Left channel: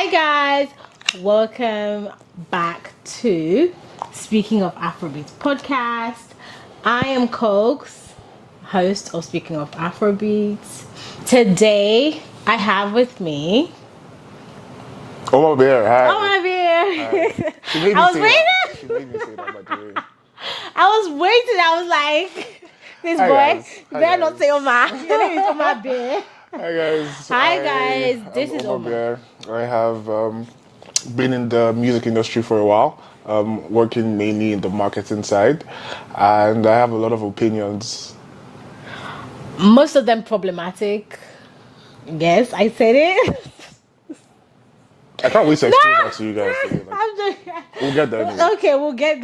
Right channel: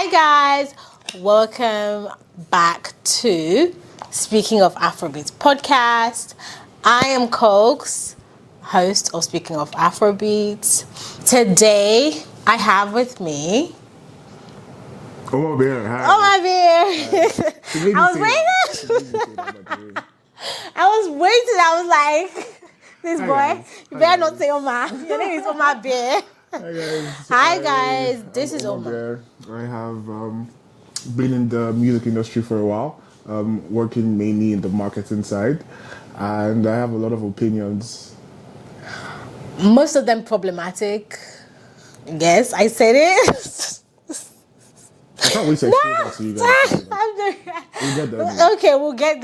Hi guys, welcome back to Speaking of Afrobeats Podcast. I am Cokes, host of Speaking of Afrobeats. Today I have with me Oma Bear. Hi. Oma Bear. I was waiting. I was like, this Hi, boy, guys. you better not say Oma. Your name is Oma Bear. Hi guys. Hi guys. This is Oma Oma. Bear. I have been in the music industry for a while, working mainly in the marketing side, and I have a lot of opinions. Most of them problematic. Yes, I said it. I can't wait to explain that to you guys. We'll get there. Anyway. Okay, we'll get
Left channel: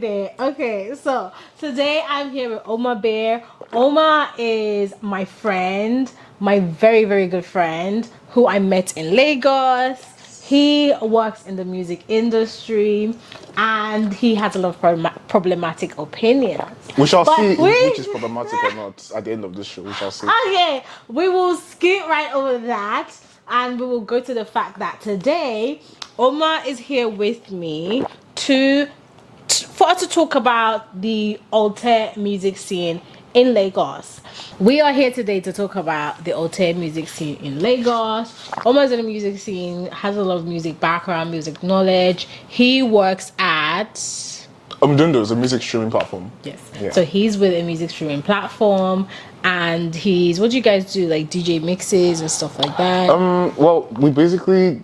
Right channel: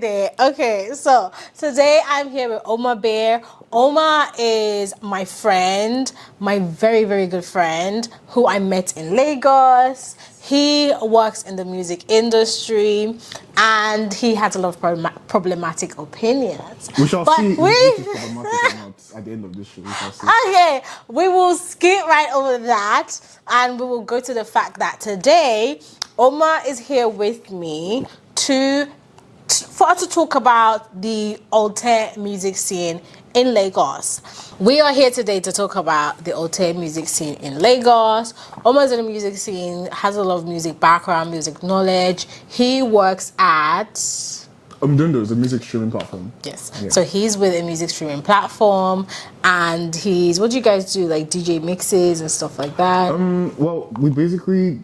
there. Okay, so today I'm here with Oma Bear. Oma is my friend, my very, very good friend who I met in Lagos. He works in the music industry and he has a lot of problematic opinions. We shall see which is problematic or not at the end of this show. We shall see. Okay, we will skip right over that and we will go to the fact that today Oma is here with me for us to talk about the Alté music scene in Lagos. We are here today to talk about the Alté music scene in Lagos. Oma's in the music scene, has a lot of music background, music knowledge. He works at Dundo's a music streaming platform. Yes. Yeah. So he's with a music streaming platform and he's, what do you guys do? Like DJ mixes and stuff like that? Well, we basically,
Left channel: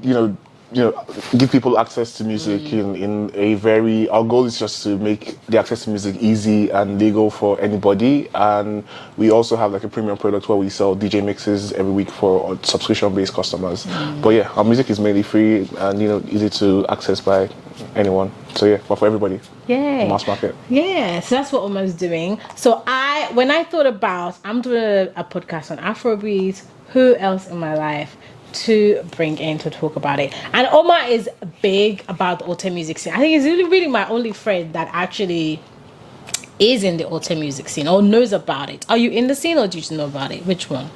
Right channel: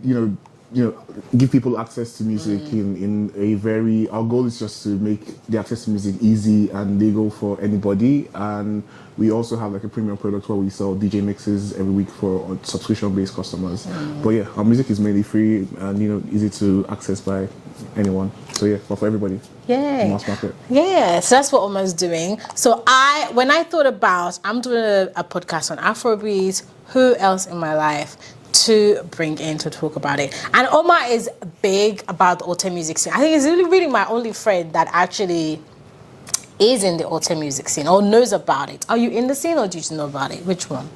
give people access to music in a very, our goal is just to make the access to music easy and legal for anybody. And we also have like a premium product where we sell DJ mixes every week for subscription-based customers. But yeah, our music is mainly free and, easy to access by anyone. So yeah, but for everybody. Yay. Mass market. Yeah, so that's what Oma's doing. So when I thought about, I'm doing a podcast on Afrobeats, who else in my life to bring in to talk about it? And Oma is big about the Alté music scene. I think he's really my only friend that actually is in the Alté music scene or knows about it. Are you in the scene or do you just know about it? Which one?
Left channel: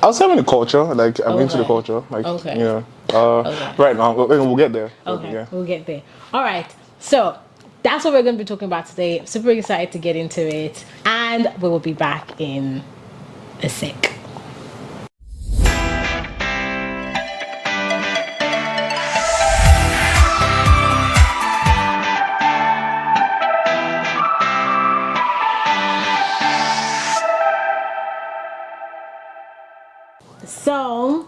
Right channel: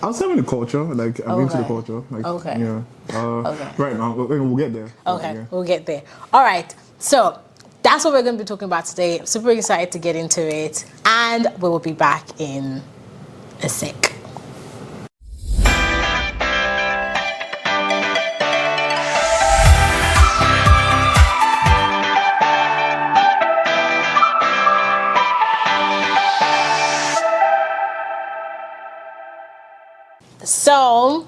I was having the culture, like I'm into the culture, like right now. We'll get there. Okay, Yeah. we'll get there. All right, so that's what we're going to be talking about today. I'm super excited to get into it, and we will be back in a sec. So,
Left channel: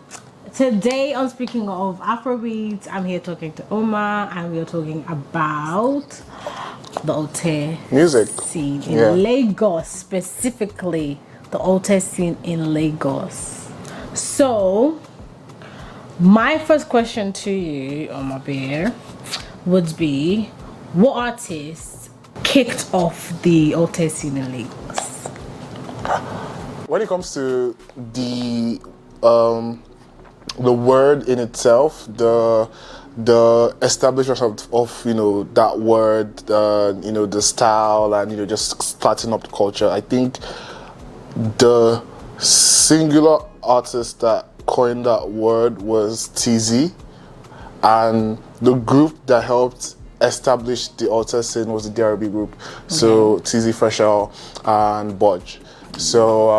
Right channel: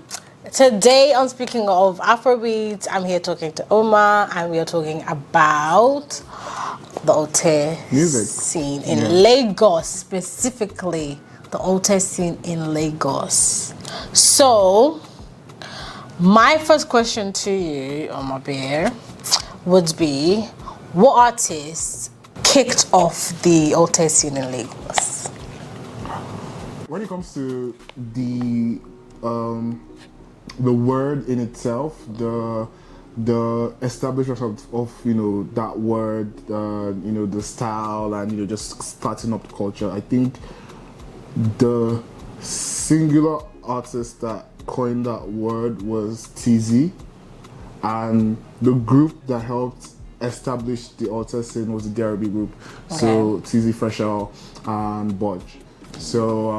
today on Speaking of Afrobeats, I'm here talking to Oma and we are talking about the Alté music scene in Lagos, specifically the Alté scene in Lagos. So, my first question to you, Oma Bear, would be, what artists kicked off the Alté scene in Lagos? When it comes to the word in itself, the establishment of that word, the style, and just starting up the culture. I think the singular artist that coined that word was Teezee, and the group that helped establish the Alté scene was the DRB group. So Teezee, FreshL, and Budge. So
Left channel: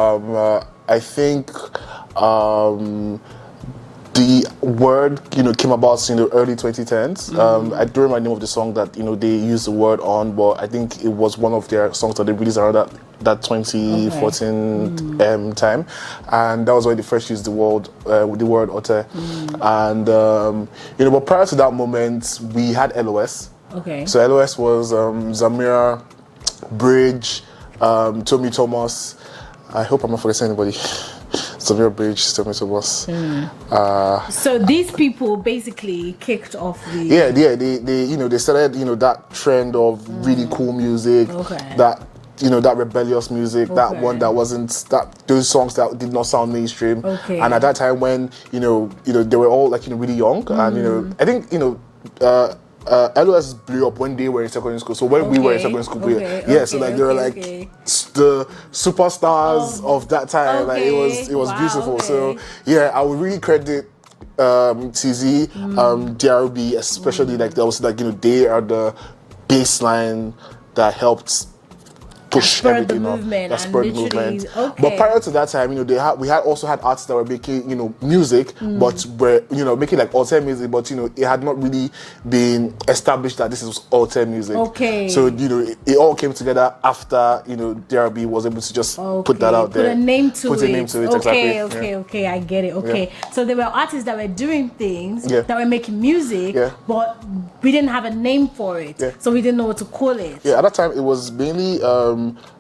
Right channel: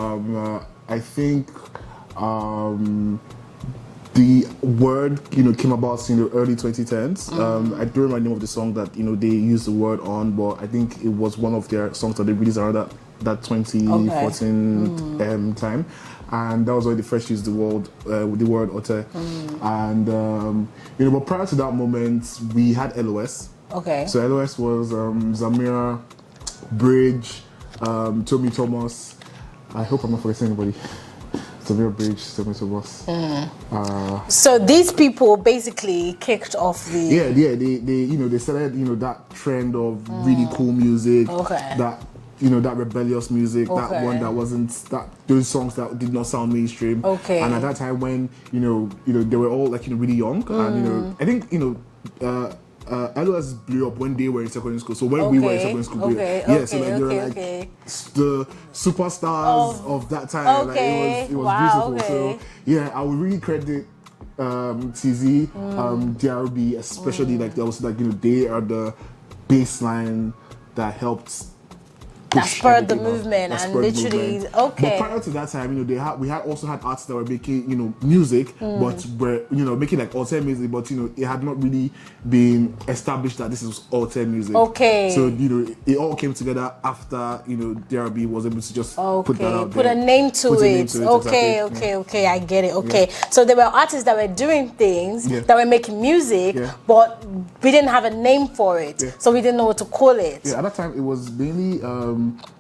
I think the word came about in the early 2010s. I don't remember the name of the song that they used the word on, but I think it was one of their songs that they released around that 2014 time, and that was when they first used the word Alté. And but prior to that moment, we had LOS. Okay. So LOS was Zamira, Bridge, Tommy Thomas. I hope I'm not forgetting anybody. Zamira, Bridge, Tommy Thomas. So these people basically kicked off the they started that trend of really cool music, that that rebellious music, that one that wasn't those songs that did not sound mainstream. And at that time when they were all like really young, and I think LOS blew up when they were in secondary school. So when we were in secondary school, so like they were like the superstars of that time. Like it was beautiful. So yeah, I would really credit Teezee, DRB, especially like there was like they are the baseline that helped push spurred the everything on. movement That and spurred literally movement. okay. But prior to that time, we had also had artists that were making music, but were making like Alte music, but it had not really been established that this is Alte music. Okay. So it all came together after DRB was able to just put that out there. Put a name to it. Okay, exactly. Okay, I get it. Okay. So there were artists that were doing things that were making music, but we didn't have a name for it. Yeah. So we didn't know what to call it. Yeah, at that time it was mainly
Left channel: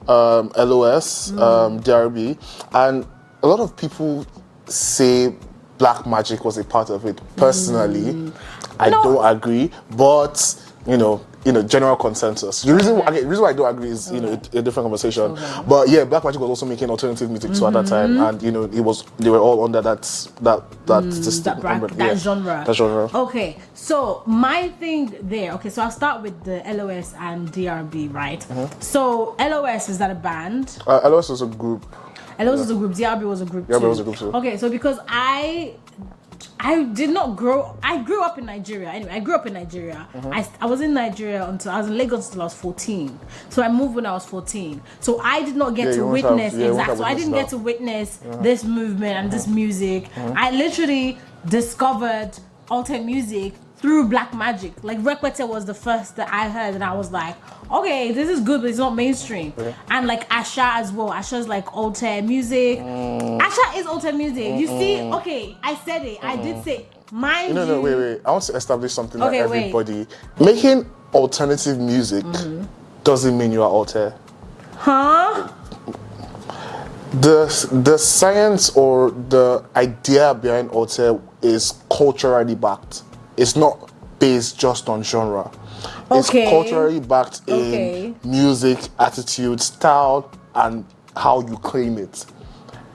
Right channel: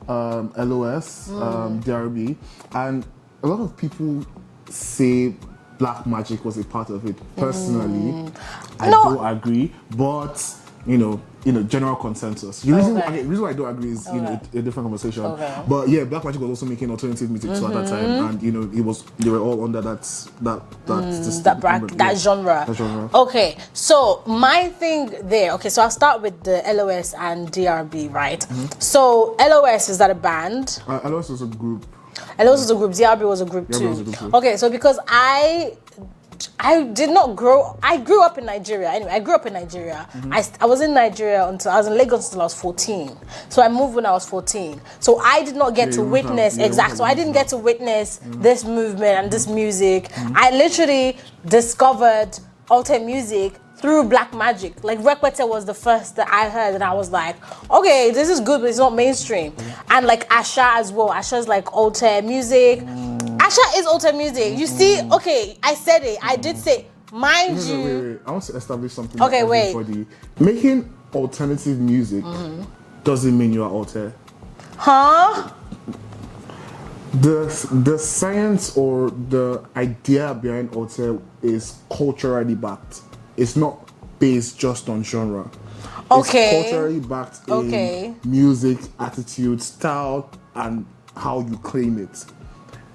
LOS, DRB, and a lot of people say Black Magic was a part of it. Personally, I don't agree, but general consensus. The reason why I don't agree is a different conversation. Okay. But yeah, Black Magic was also making alternative music too at that time, and they were all under that genre. That genre. Okay, so my thing there. Okay, so I'll start with the LOS and DRB, right? So LOS, is that a band? LOS was a group. LOS was a group. DRB was a group too. DRB was a group too. Okay, so because I did not grow. I grew up in Nigeria. Anyway, I grew up in Nigeria. I was in Nigeria until I was in Lagos until I was 14. So I moved when I was 14. So I did not get to witness So I didn't get to witness this movement and this music. I literally discovered Alte music through Black Magic. Like Rekwete was the first that I heard, and I was like, okay, this is good, but it's not mainstream. And like Asha as well. Asha's like Alte music. Asha is Alte music. You see, okay, I said it. I did say, mind you. No, wait. I want to establish something Okay, that everybody. Making alternative music doesn't mean you are Alte. Huh? The science or the idea behind Alte is culturally backed. It's not based just on genre. It's culturally backed in music, attitude, style, and how you claim it.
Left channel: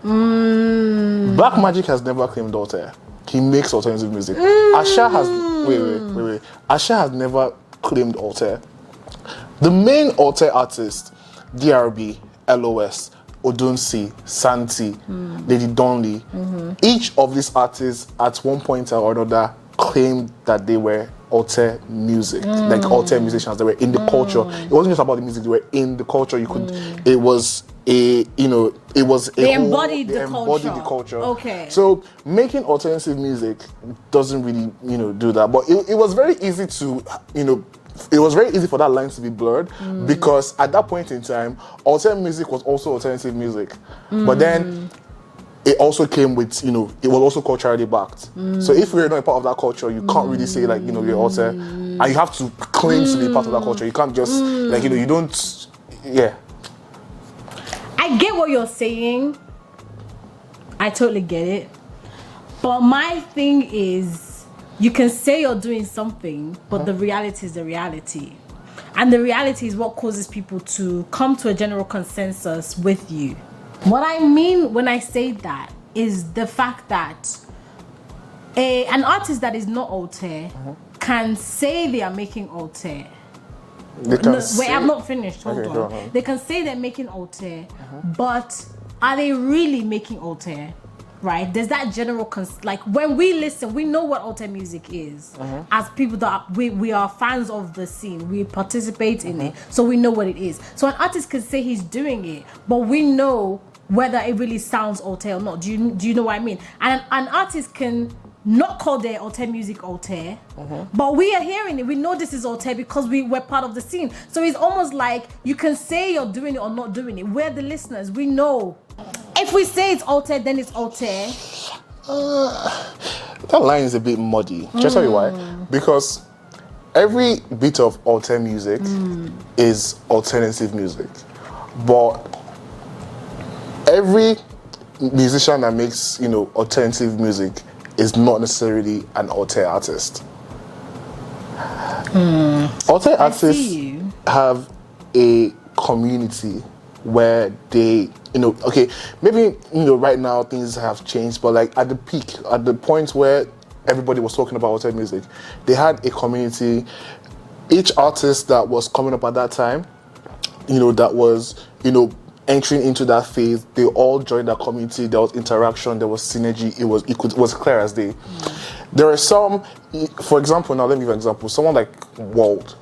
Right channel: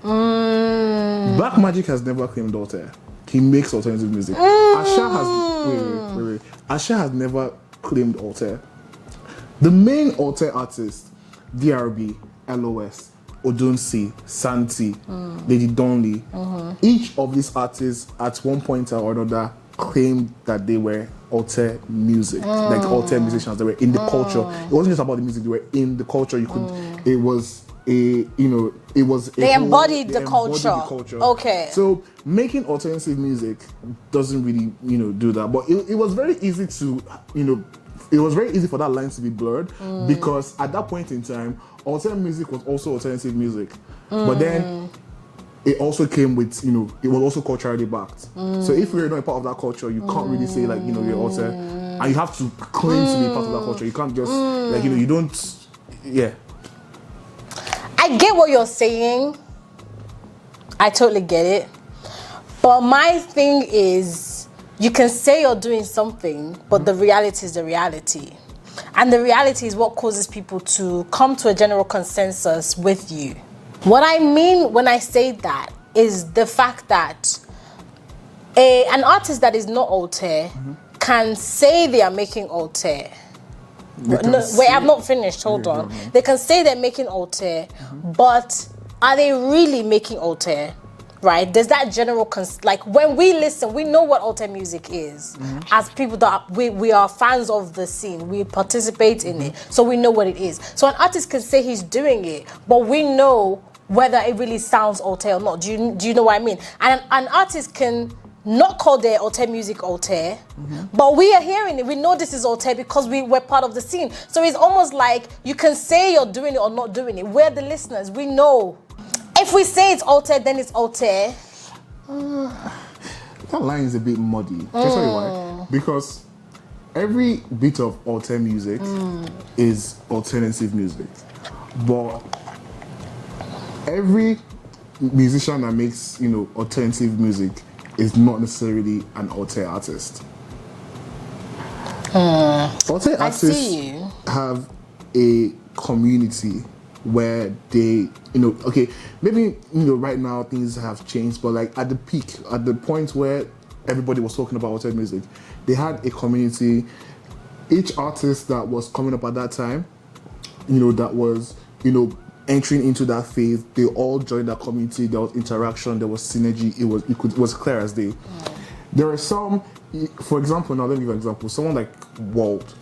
Black Magic has never claimed Alte. He makes alternative music. Asha has wait. Asha has never claimed Alte. The main Alte artist, DRB, LOS, Odunsi, Santi, Lady Donley, each of these artists at one point or another claimed that they were Alte music, like Alte musicians. They were in the culture. It wasn't just about the music; they were in the culture. You could. It was a. It was. They embodied the culture. Okay. So making alternative music doesn't really, do that. But it was very easy to, it was very easy for that line to be blurred because at that point in time, alternative music was also alternative music. But then it also came with, it was also culturally backed. So if you're not a part of that culture, you can't really say like, you're Alte. And you have to claim to be part of that culture. You can't just, you don't, I get what you're saying. I totally get it. But my thing is, you can say you're doing something, but the reality is the reality. And the reality is what causes people to come to a general consensus with you. What I mean when I say that is the fact that an artist that is not Alte can say they are making Alte. Wait, I'm not finished. Hold on. They can say they're making Alte, but are they really making Alte? Right? There's that general like when we listen, we know what Alte music is. As people that we are fans of the scene, we participate in it, so we know what it is. So an artist can say he's doing it, but we know whether it really sounds Alte or not. Do you know what I mean? And an artist can not call their Alte music Alte, but we are hearing it. We know this is Alte because we're part of the scene. So it's almost like you can say you're doing it or not doing it. We're the listeners. We know. If we say it's Alte, then it's Alte. That line is a bit muddy. Just tell you why. Because every bit of Alte music is alternative music. But every musician that makes, alternative music is not necessarily an Alte artist. Alte artists have a community where they, maybe, right now things have changed, but like at the peak, at the point where everybody was talking about Alte music, they had a community. Each artist that was coming up at that time, that was, entering into that phase, they all joined that community. There was interaction, there was synergy. It was clear as day. There are some, for example, now let me give you an example. Someone like World.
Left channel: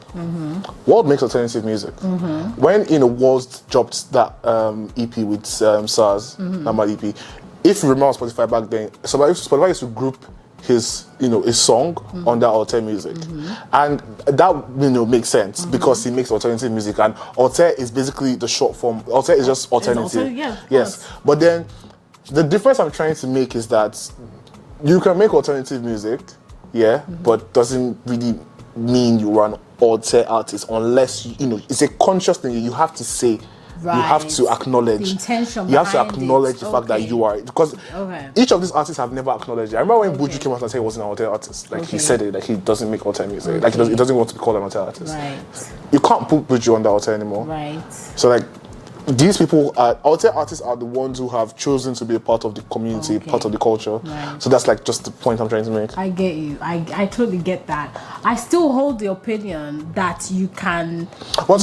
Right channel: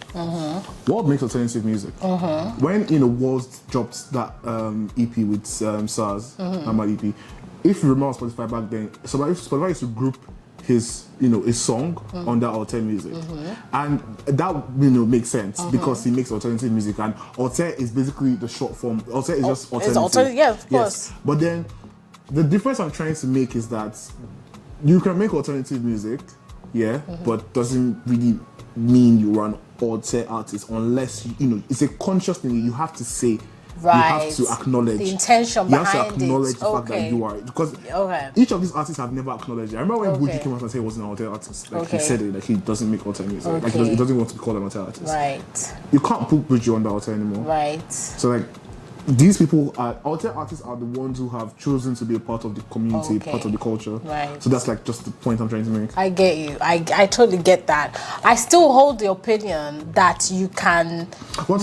World makes alternative music. When World dropped that EP with SARS, number EP, if you remember on Spotify back then, Spotify used to group his his song on that Alte music, and that makes sense because he makes alternative music, and Alte is basically the short form. Alte is just alternative. Yeah, of course. But then the difference I'm trying to make is that you can make alternative music, but doesn't really mean you are an Alte artist unless it's a conscious thing. You have to say. Right. You have to acknowledge the intention. You have to acknowledge the fact that you are, because each of these artists have never acknowledged it. I remember when Buju came out and said he wasn't an Alte artist. Like he said it, like he doesn't make Alte music. Like he doesn't want to be called an Alte artist. Right. You can't put Buju on the Alte anymore. Right. So like these people, Alte artists are the ones who have chosen to be a part of the community, part of the culture. Right. So that's like just the point I'm trying to make. I get you. I totally get that. I still hold the opinion that you can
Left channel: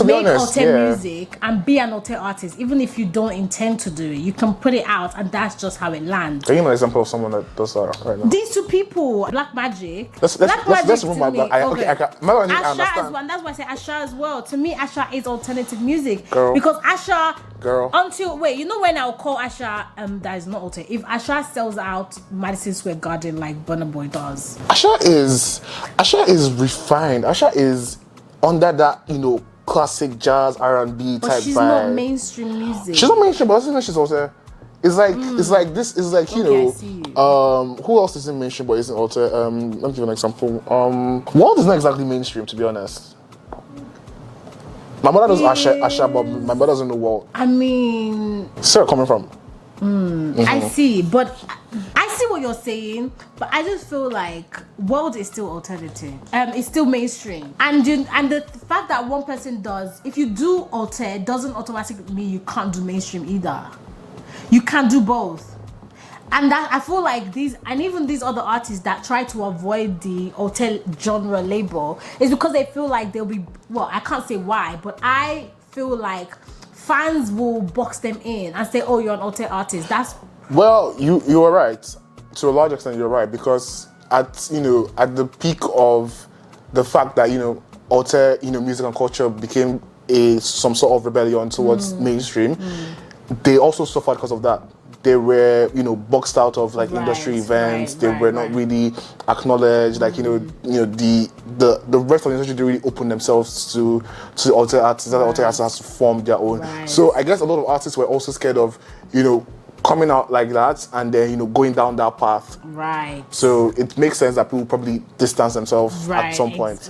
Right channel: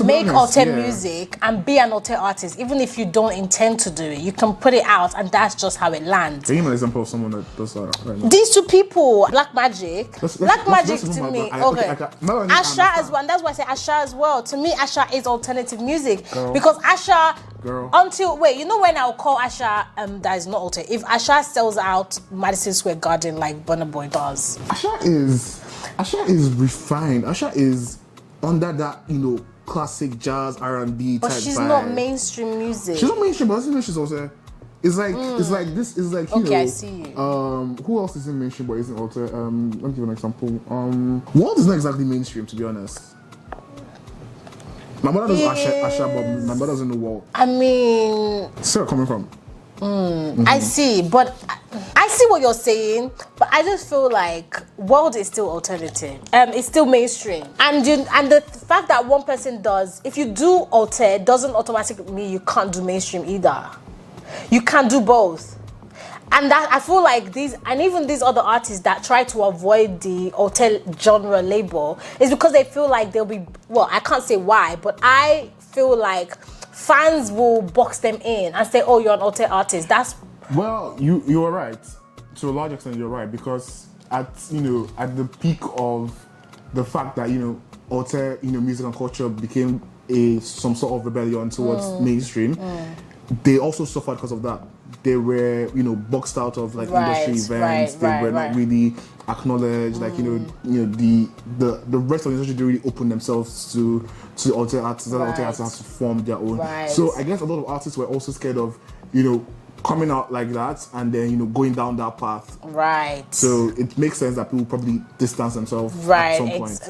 make Alte music and be an Alte artist, even if you don't intend to do it. You can put it out, and that's just how it lands. Can you give me an example of someone that does that right now? These two people, Black Magic. Black Magic to me. Asha as well, and that's why I say Asha as well. To me, Asha is alternative music because Asha. When I'll call Asha that is not Alte. If Asha sells out Madison Square Garden like Burna Boy does. Asha is refined. Asha is under that, classic jazz R&B type vibe. But she's not mainstream music. She's not mainstream, but I think she's also it's like I see you. Who else is in mainstream but isn't Alte? Let me give you an example. World is not exactly mainstream, to be honest. My mother knows Asha, but my mother doesn't know World. I mean... Where coming from? I see, but I see what you're saying, but I just feel like World is still alternative. It's still mainstream. And the fact that one person does, if you do Alte, doesn't automatically mean you can't do mainstream either. You can do both. And that I feel like even these other artists that try to avoid the Alte genre label is because they feel like they'll be, I can't say why, but I feel like fans will box them in and say, oh, you're an Alte artist. You are right. To a large extent, you're right, because at the peak of the fact that, Alte, music and culture became some sort of rebellion towards mainstream, they also suffered because of that. They were, boxed out of industry events. They were not really acknowledged. The rest of the industry didn't really open themselves to Alte artists. Alte artists have to form their own. So I guess a lot of artists were also scared of, coming out like that and then going down that path. Right. So it makes sense that people probably distance themselves at some point.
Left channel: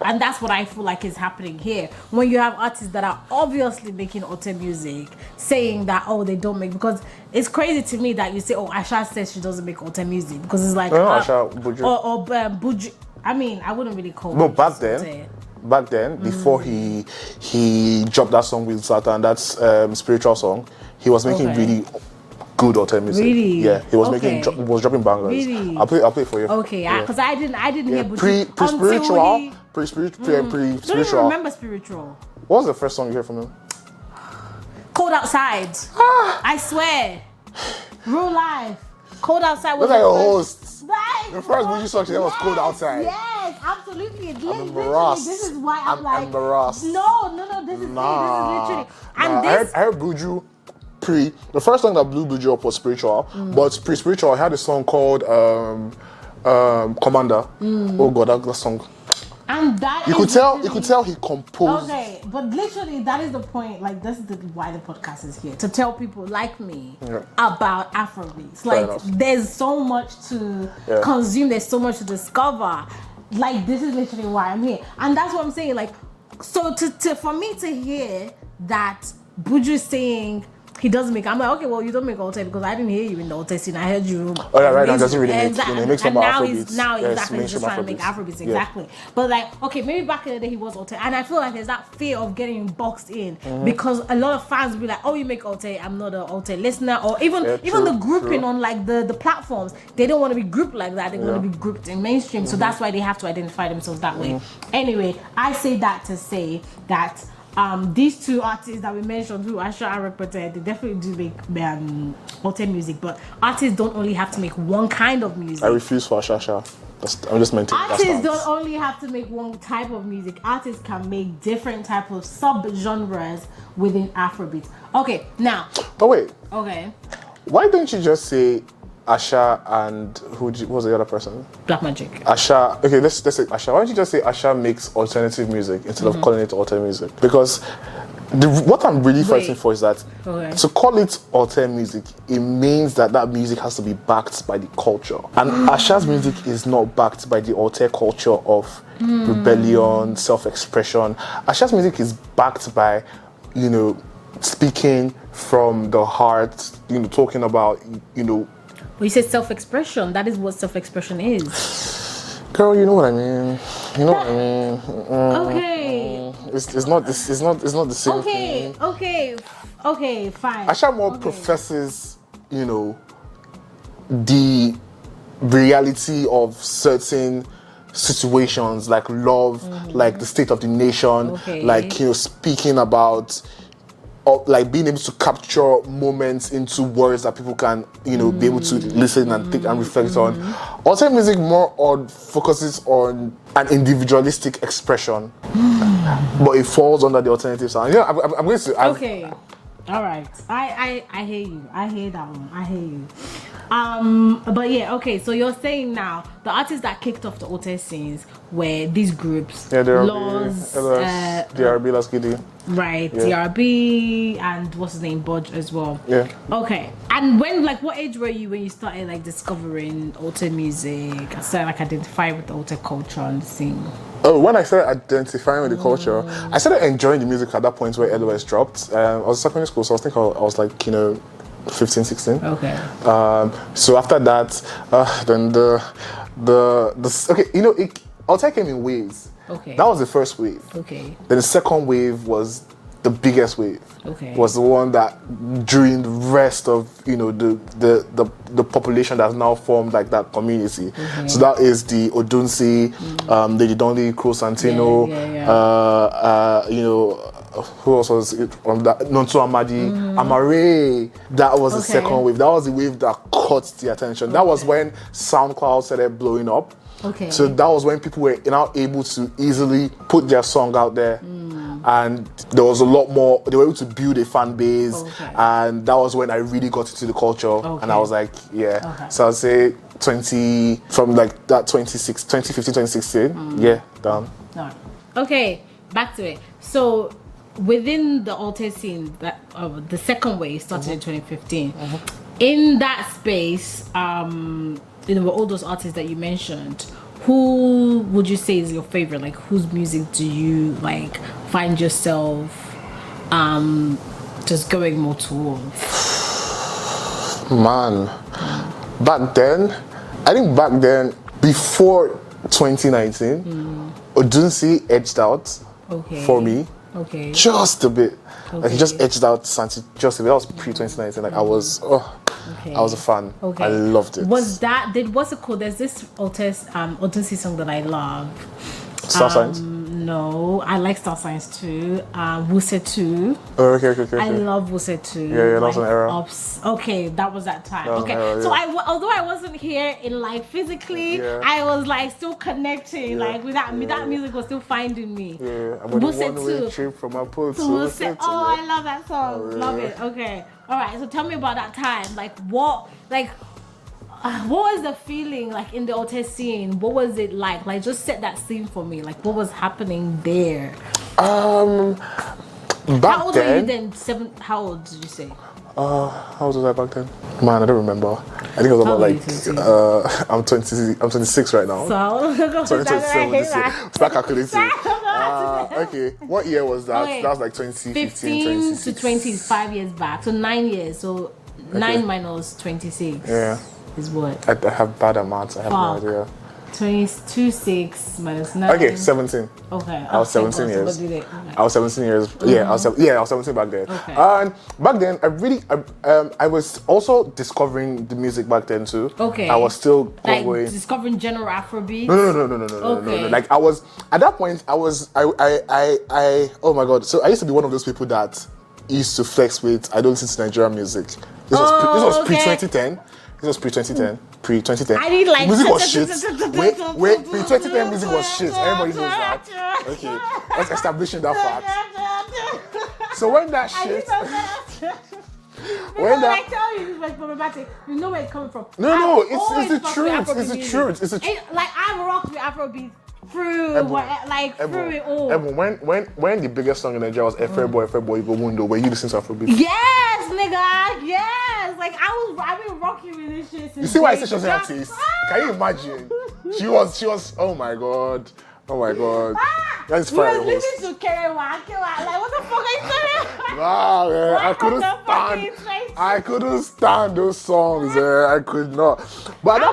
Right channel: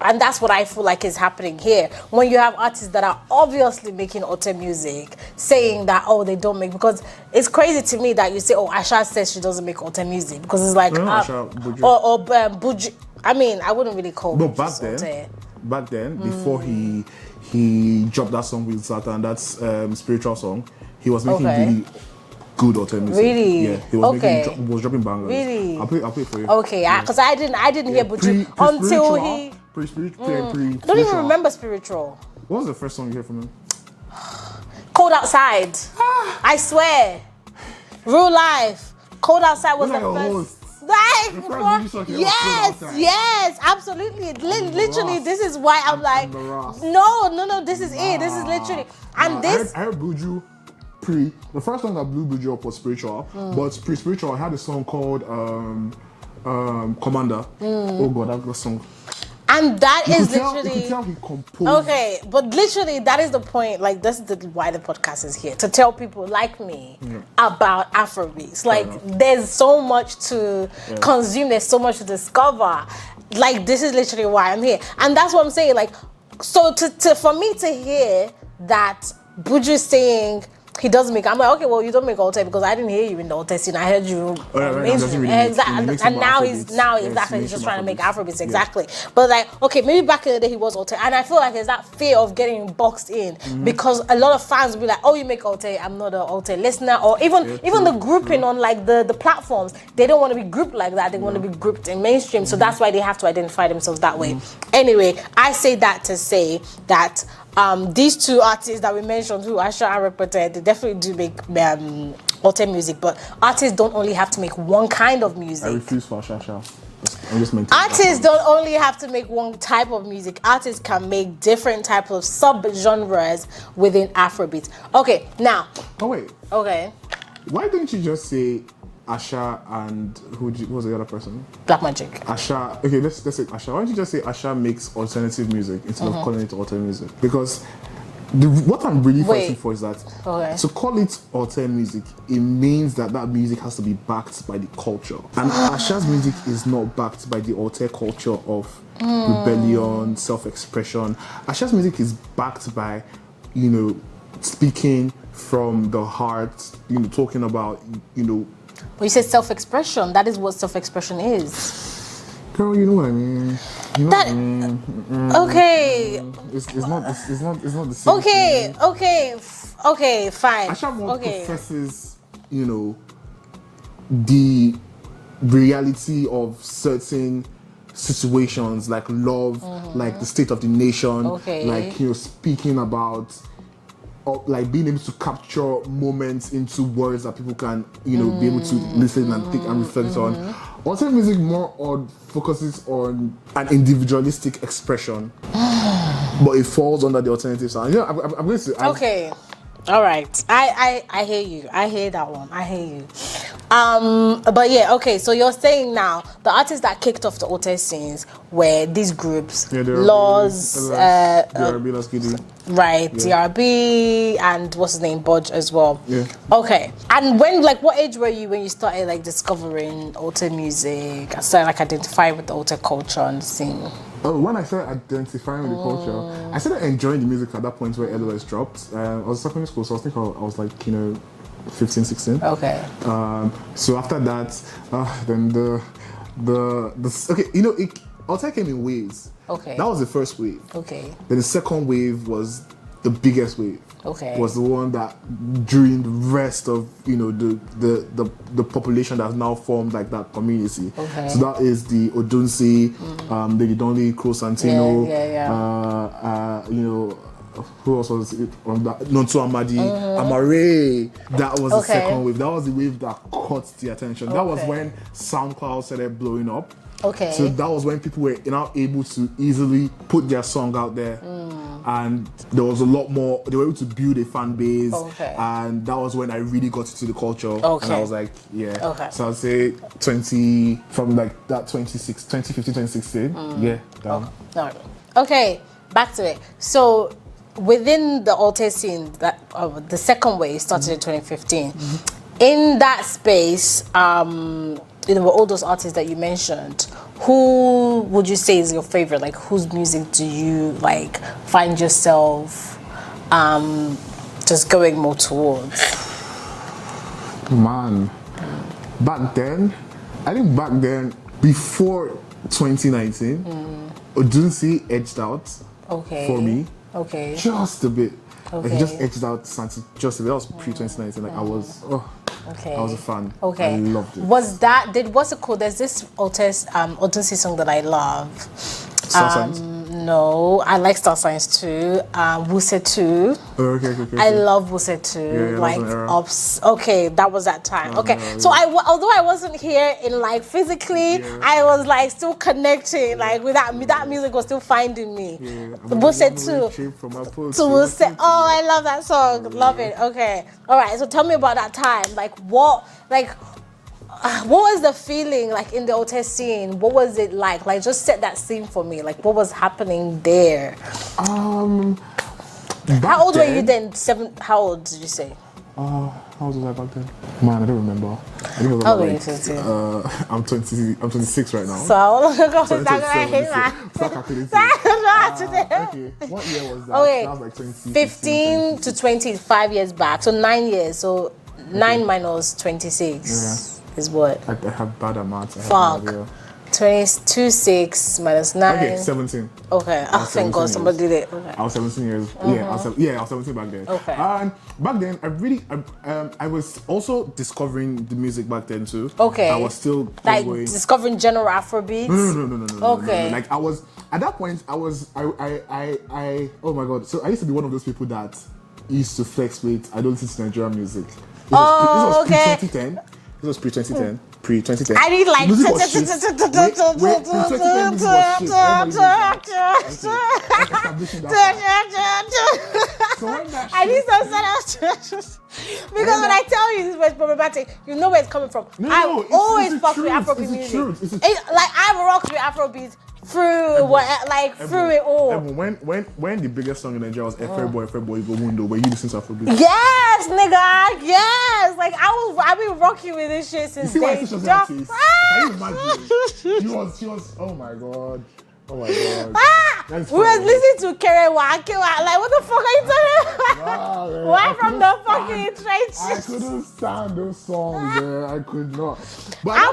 And that's what I feel like is happening here. When you have artists that are obviously making Alte music, saying that they don't make, because it's crazy to me that you say Asha says she doesn't make Alte music, because it's like Buju. I mean, I wouldn't really call. No, back then, before he dropped that song with Satan, that's spiritual song, he was making really good Alte music. Really? Yeah, he was dropping bangers. Really? I'll play it for you. Okay, because I didn't hear Buju until he... Pre-spiritual. I don't even remember spiritual. What was the first song you heard from him? Cold Outside. I swear. Real life. Cold Outside was like a host. Like, the first Buju song she heard was Cold Outside. Yes, absolutely. Literally, this is why I'm like... embarrassed. No, this is it. This is literally... And I heard Buju the first song that blew Buju up was Spiritual, but pre-Spiritual I had a song called Commander. Oh God, that song. And that you could tell he composed. Okay, but literally that is the point. Like, this is why the podcast is here, to tell people like me about Afrobeats. There's so much to consume. There's so much to discover. Like, this is literally why I'm here, and that's what I'm saying. Like, so for me to hear that Buju saying he doesn't make, I'm like, okay, well, you don't make Alte because I didn't hear you in the Alte scene. I heard you. Oh, yeah, right now, doesn't really make and now he's just trying to make Afrobeats, exactly. Yeah. But like, okay, maybe back in the day he was Alte, and I feel like there's that fear of getting boxed in because a lot of fans will be like, oh, you make Alte, I'm not an Alte listener, or even the grouping on like the platforms, they don't want to be grouped like that. They want to be grouped in mainstream, so that's why they have to identify themselves that way. Anyway, I say that to say that. These two artists that we mentioned, who Asha and Reported, they definitely do make Alte music, but artists don't only have to make one kind of music. I refuse for Asha. I'm just maintaining. Artists don't only have to make one type of music. Artists can make different types of sub-genres within Afrobeat. Okay, now. Oh wait. Okay. Why don't you just say Asha and what was the other person? Black Magic. Asha. Okay, let's say Asha. Why don't you just say Asha makes alternative music instead of calling it alternative music? Because what I'm really fighting for is that to call it alternative music, it means that music has to be backed by the culture. And Asha's music is not backed by the alternative culture of rebellion, self-expression. Asha's music is backed by, speaking from the heart, talking about, When you say self-expression, that is what self-expression is. Girl, you know what I mean. What I mean. Okay. It's not the same. Okay, fine. Asha more professes, the reality of certain situations like love, like the state of the nation, like speaking about. Like being able to capture moments into words that people can, be able to listen and think and reflect on. Alternative music more focuses on an individualistic expression, but it falls under the alternative sound. I'm going to. Okay, all right. I hear you. I hear that one. I hear you. But yeah, okay. So you're saying now the artists that kicked off the Alte scenes were these groups, Laws, DRB Lasgidi. Right, yeah. DRB and what's his name, Bodge as well. Yeah. Okay. And what age were you when you started discovering Alte music? I started identifying with the Alte culture and the scene. Oh, when I started identifying with the culture, I started enjoying the music at that point where LOS dropped. I was in secondary school, so I was 15, 16. Okay. So after that, then Alte came in waves. Okay. That was the first wave. Okay. Then the second wave was the biggest wave. Okay. Was the one that during the rest of the population that's now formed like that community. Okay. So that is the Odunsi, the Idonli, Crow Santino, who else was it from that? Nonto Amadi, Amare. That was the second wave. That was the wave that caught the attention. That was when SoundCloud started blowing up. Okay. So that was when people were now able to easily put their song out there. And there was a lot more, they were able to build a fan base. Okay. And that was when I really got into the culture. Okay. And I was like, yeah. Okay. So I'd say 2015, 2016. Yeah, down. No. Okay, back to it. So within the Alte scene, the second wave started in 2015. In that space, all those artists that you mentioned, who would you say is your favorite? Like, whose music do you find yourself just going more towards? Man, back then, before 2019, Odunsi edged out for me. Okay. Just a bit. Okay. He just edged out Santi just a bit. That was pre-2019. I was a fan. Okay. I loved it. What's it called? There's this Odunsi song that I love. Star Signs? No, I like Star Signs too. Wuse too. Oh, okay. I love Wuse too. Yeah, that was an era. Okay, that was that time. Okay, era, so although I wasn't here in physically, I was still connecting. With that, that music was still finding me. Yeah, Wuse too. So Wuse. Oh, I love that song. Love it. Okay. All right. So tell me about that time. What was the feeling in the Alte scene? What was it like? Just set that scene for me. What was happening there? How old were you then? How old did you say? How old was I back then? Man, I don't remember. I think I was about I'm 26 right now. So how long ago was Start calculating. Okay, what year was that? Okay. That was 2015 15 to 25 years back. So 9 years. So 9 minus 26. Yeah. Is what? I have bad amounts. I have Fuck. no idea. 26 minus 9. Okay, 17. Okay. I was 17 years. Somebody did it. Okay. I was 17 years. Yeah, I was 17 back then. Okay. And back then, I was also discovering the music back then too. Okay. I was still going. Discovering general Afrobeats. No. Okay. No. I was at that point. I oh my god. So I used to be one of those people that used to flex with. I don't listen to Nigerian music. This was pre-2010. This was pre-2010. pre-2010. I need like music was shit. Wait, pre-2010 music was shit. Everybody knows that. Okay, let's establish that fact. So when that shit... I need some because when I tell you this was problematic, you know where it's coming from. No, it's the truth. It's the truth. It's the truth. Like I've rocked with Afrobeats through through it all. When the biggest song in Nigeria was Afroboy, you go window, were you listening to Afrobeats? Yes, nigga. Yes. Like I've been rocking with this shit since. You see why I say she was an artist? Can you imagine? She was. Oh my god. Oh my god. We were listening to Kerewa. Like, what the fuck are you talking about? Nah, Why from the fucking trenches? I couldn't stand those songs, I could not. But at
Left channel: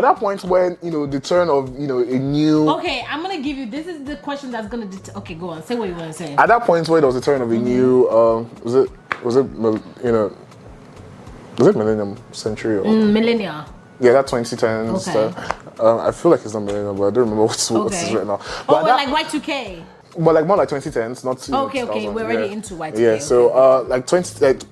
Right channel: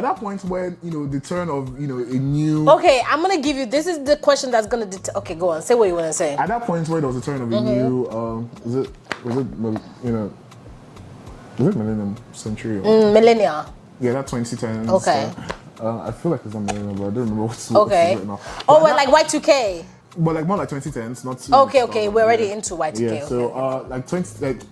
that point when, the turn of, a new... Okay, I'm going to give you... This is the question that's going to... Okay, go on. Say what you want to say. At that point where there was a turn of a new... Was it Millennium Century? Millennia. Yeah, that 2010s. Okay. I feel like it's not millennial, but I don't remember what's right now. But like Y2K. But like more like 2010s, not too. Okay, we're already into Y2K. Yeah, so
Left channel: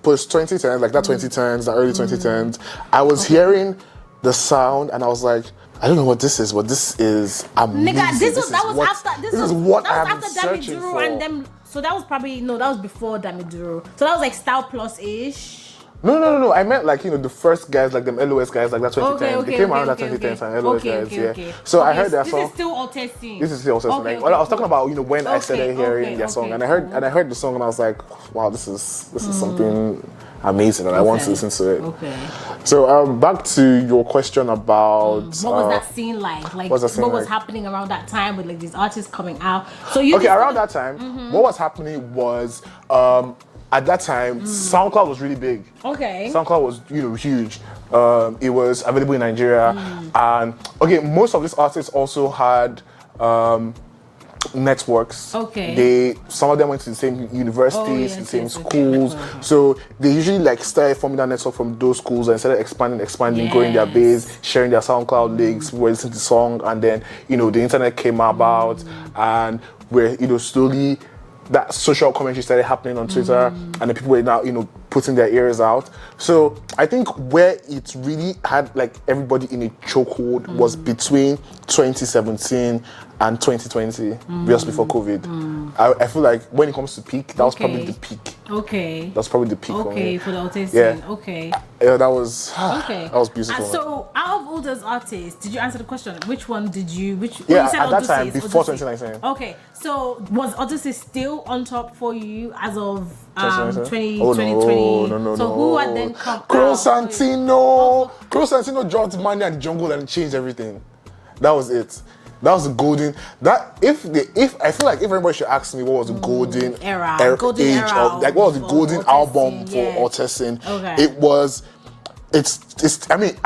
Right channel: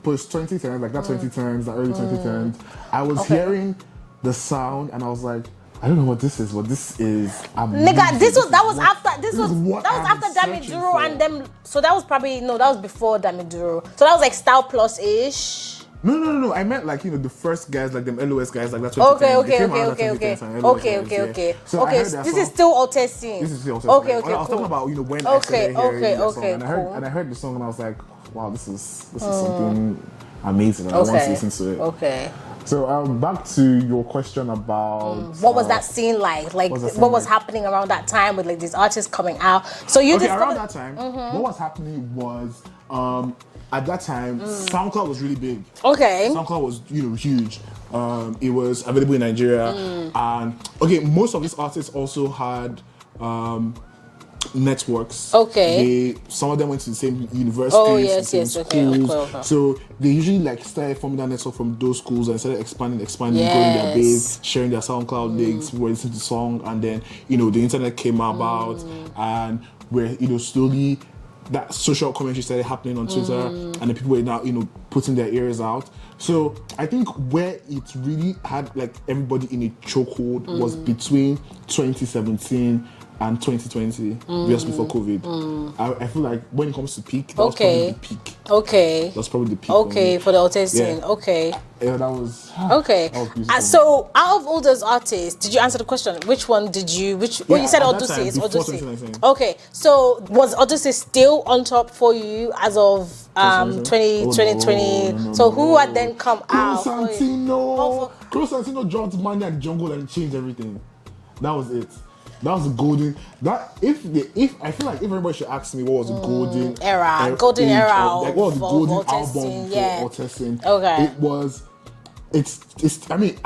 post 2010, like that 2010s, the early 2010s, I was hearing the sound and I was like, I don't know what this is, but this is amazing. Nigga, this was after Dami Duro and them. So that was that was before Dami Duro. So that was like Style Plus-ish. No. I meant like, the first guys, like them LOS guys, like that 2010s. They came around that 2010s and LOS guys. Okay. So I heard that this song. is still Álte scene. This is still Álte scene. I was talking about, when I started hearing that song. And I heard the song and I was like, wow, this is something amazing and I want to listen to it. Okay. So back to your question about... what was that scene like? Like, what was happening around that time with like these artists coming out? So you around that time, what was happening was... at that time, SoundCloud was really big. Okay. SoundCloud was, huge. It was available in Nigeria. And, most of these artists also had networks. Okay. Some of them went to the same universities, the same schools. Okay. So they usually started forming that network from those schools and started expanding, growing their base, sharing their SoundCloud links, were listening to the song. And then, the internet came about and we're, slowly... that social commentary started happening on Twitter and the people were now, putting their ears out. So I think where it really had like everybody in a chokehold was between 2017 and 2020, just before COVID. I feel like when it comes to peak, that was probably the peak. Okay. That's probably the peak for the Álte scene. Yeah. Okay. Yeah, that was beautiful. So out of all those artists, did you answer the question? Which one did you? You said Odyssey. Before 2019. Okay. So was Odyssey still on top for you as of 2020? So who had then come Cro out? Santino. Cro Santino dropped Money at the Jungle and changed everything. That was it. That was the golden. If I feel like if everybody should ask me what was the golden era, what was the golden album for Álte scene? Okay. It was. I mean,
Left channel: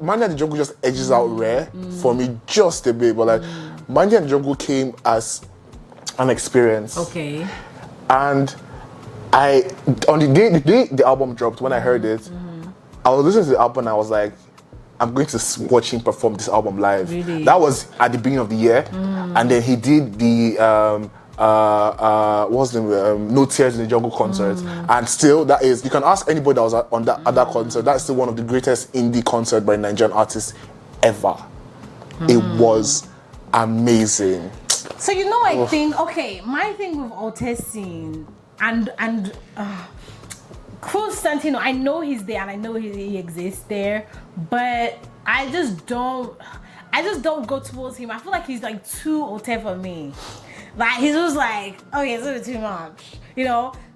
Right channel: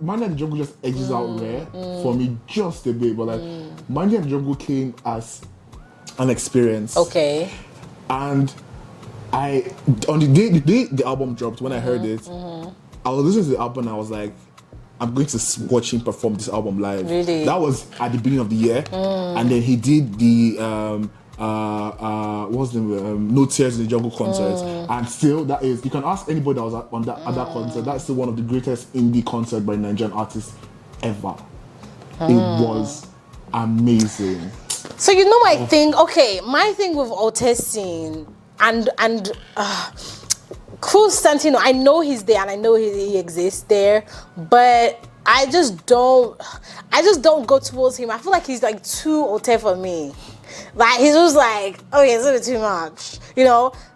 Money at the Jungle just edges out rare for me just a bit, but like Money at the Jungle came as an experience. Okay. And on the day the album dropped, when I heard it, I was listening to the album and I was like, I'm going to watch him perform this album live. Really? That was at the beginning of the year. And then he did the what's the name? No Tears in the Jungle concert. And still, that is, you can ask anybody that was at that concert, that's still one of the greatest indie concerts by a Nigerian artist ever. It was amazing. So my thing with Álte scene and Cro Santino, I know he's there and I know he exists there, but I just don't go towards him. I feel like he's like too Álte for me. Like he's just like, it's a bit too much.